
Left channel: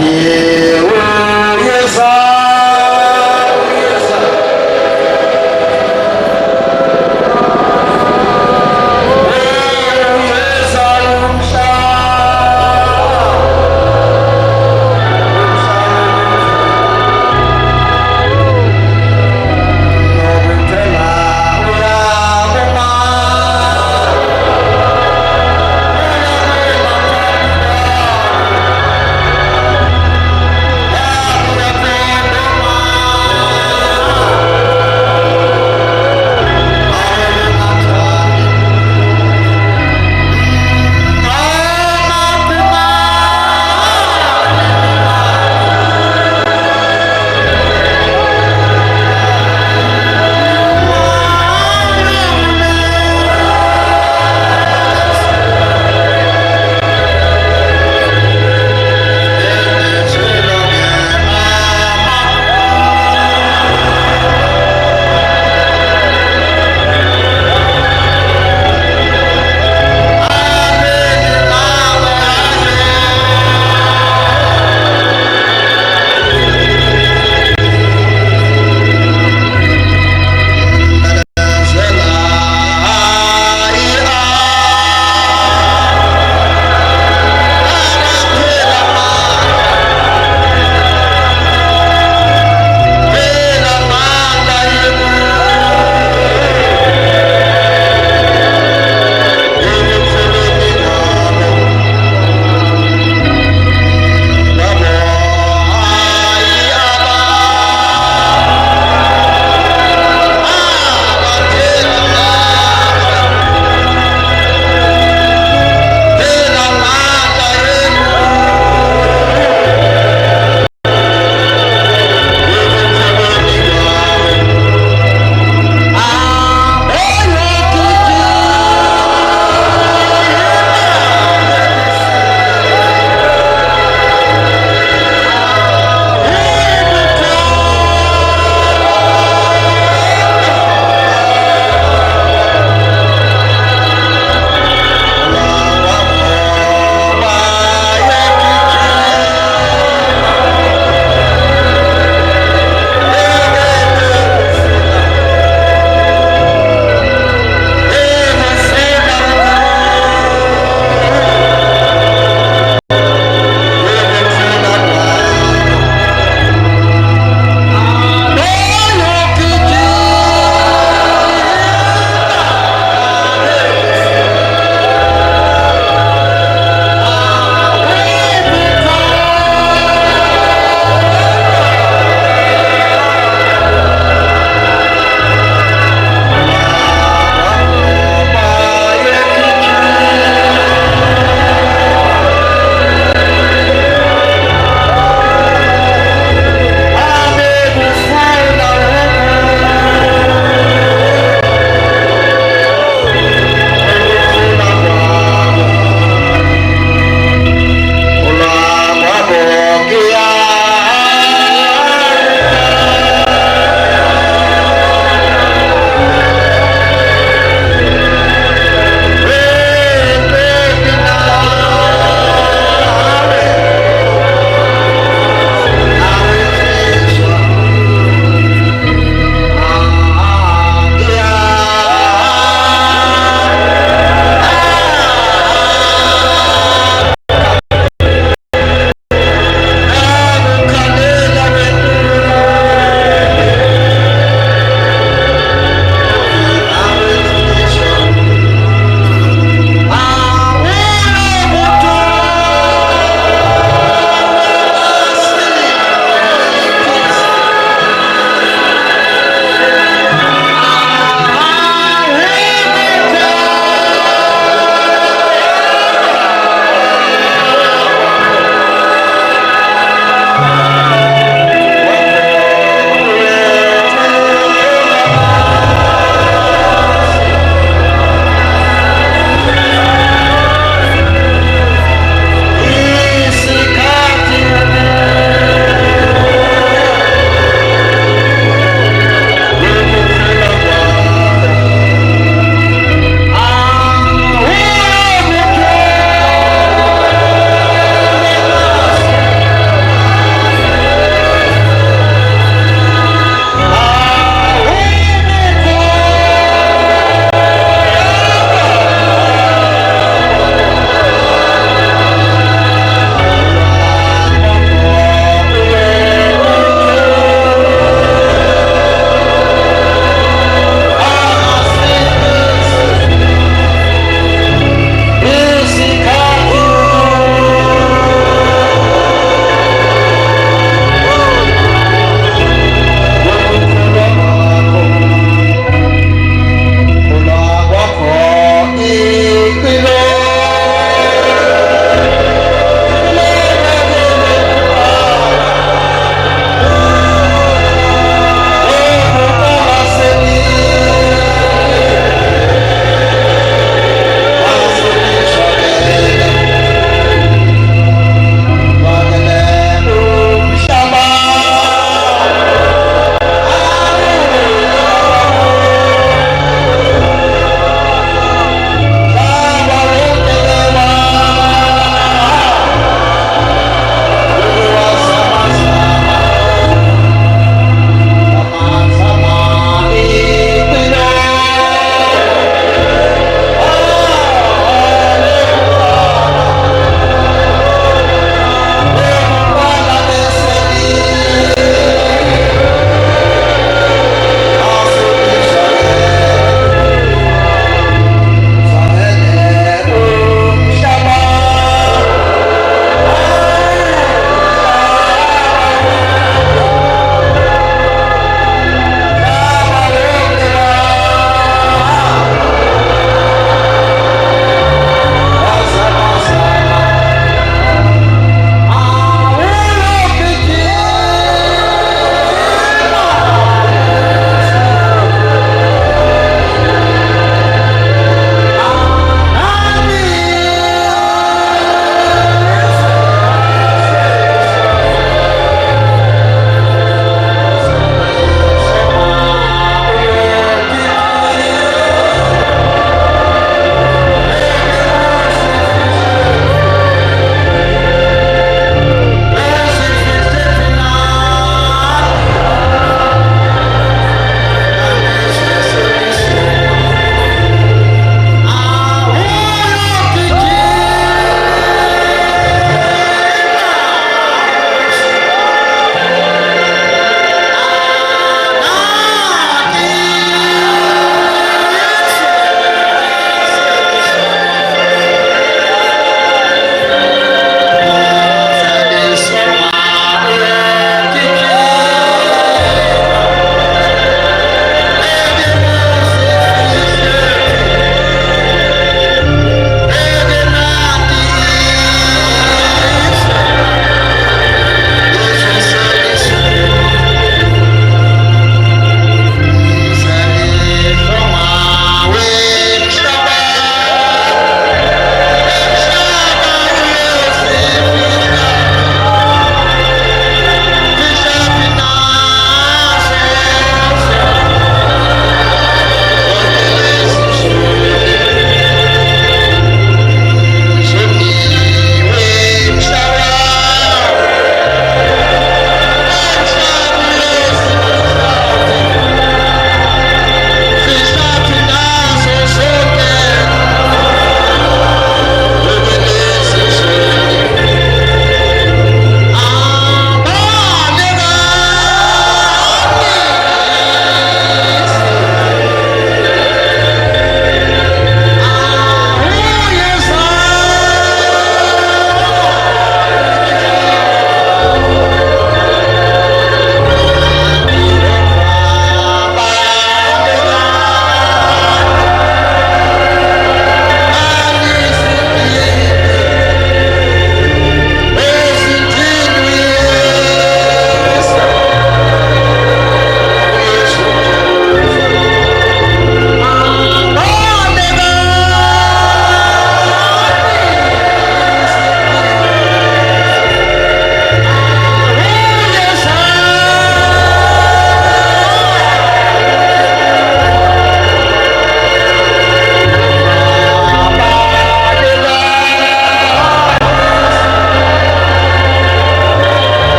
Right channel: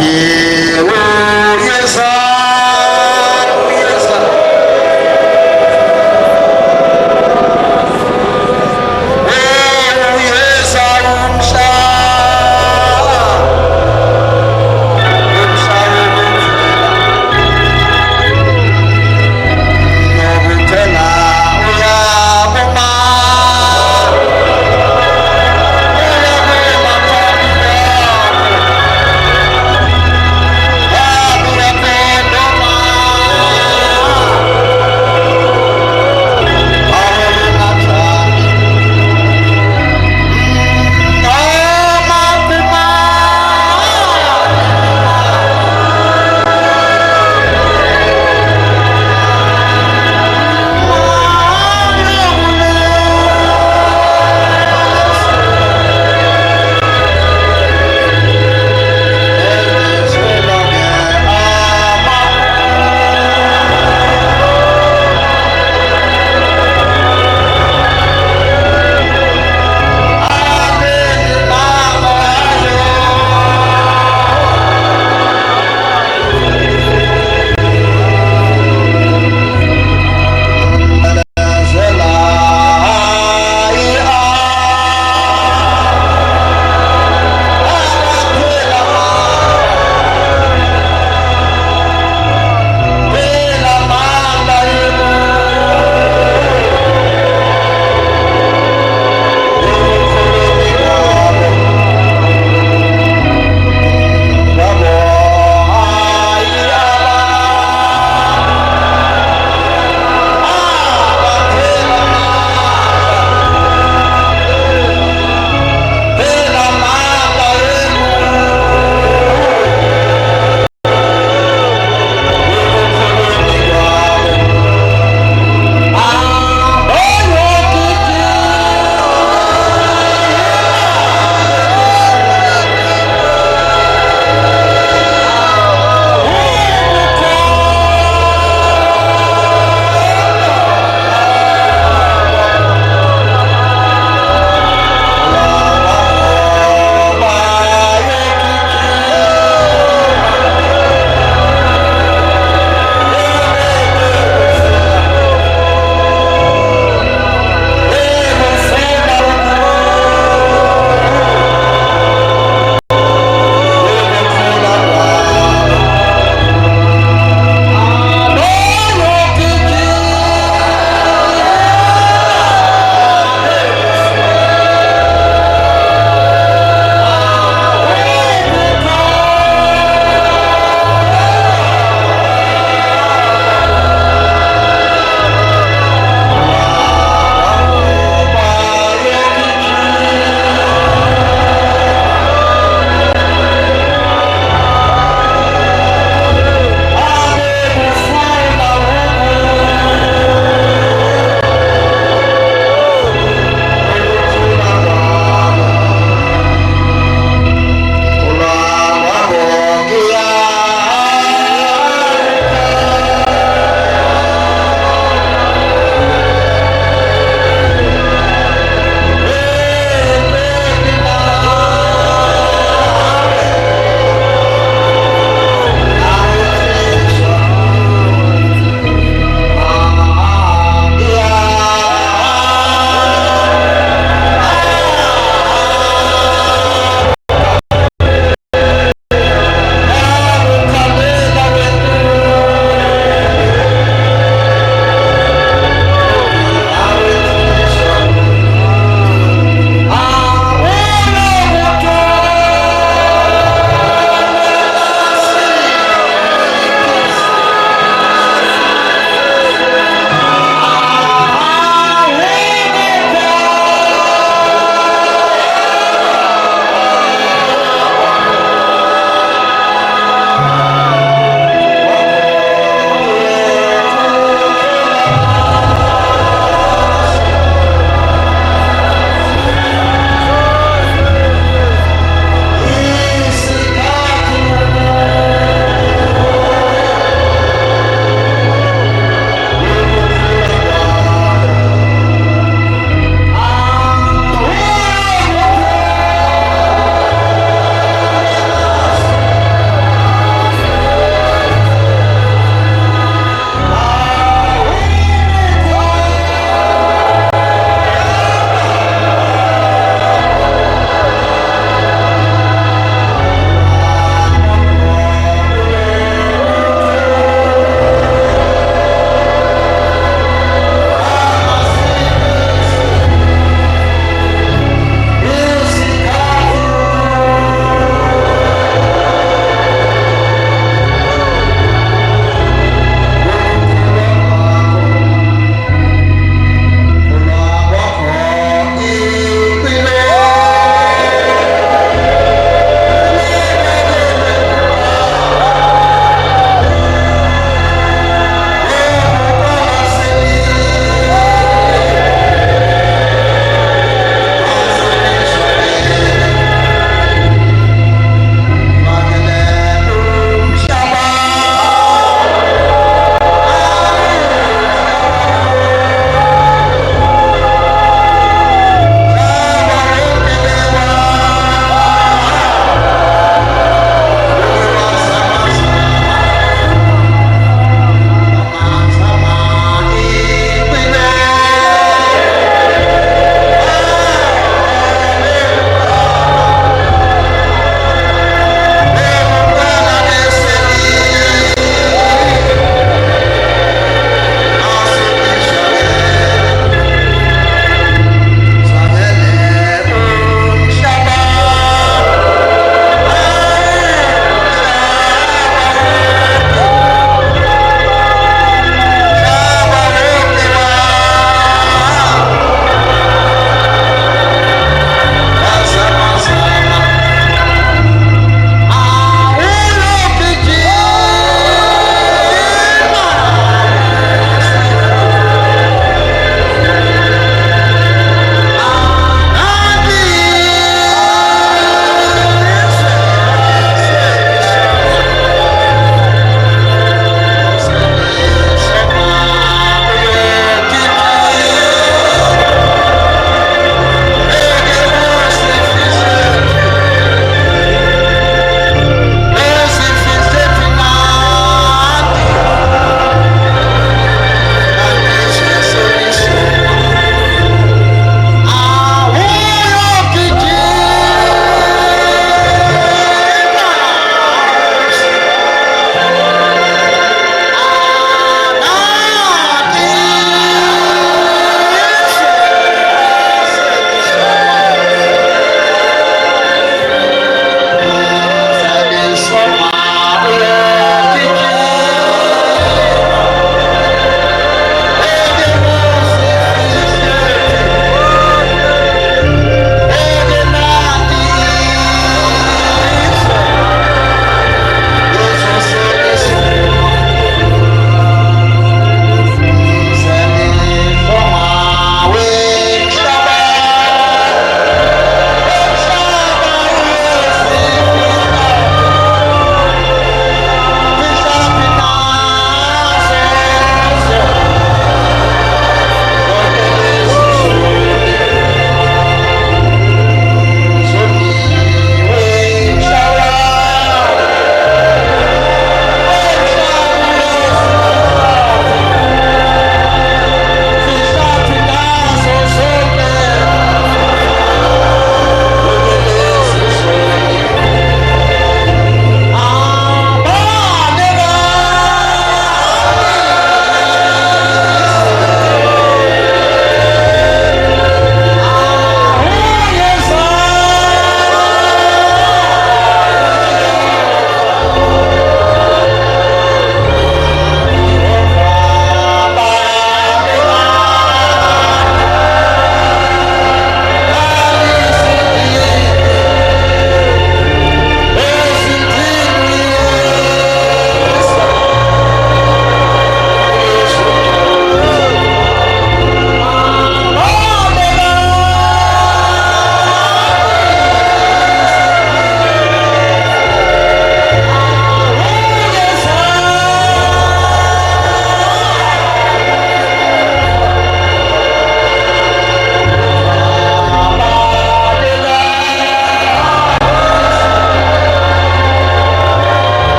Yeah.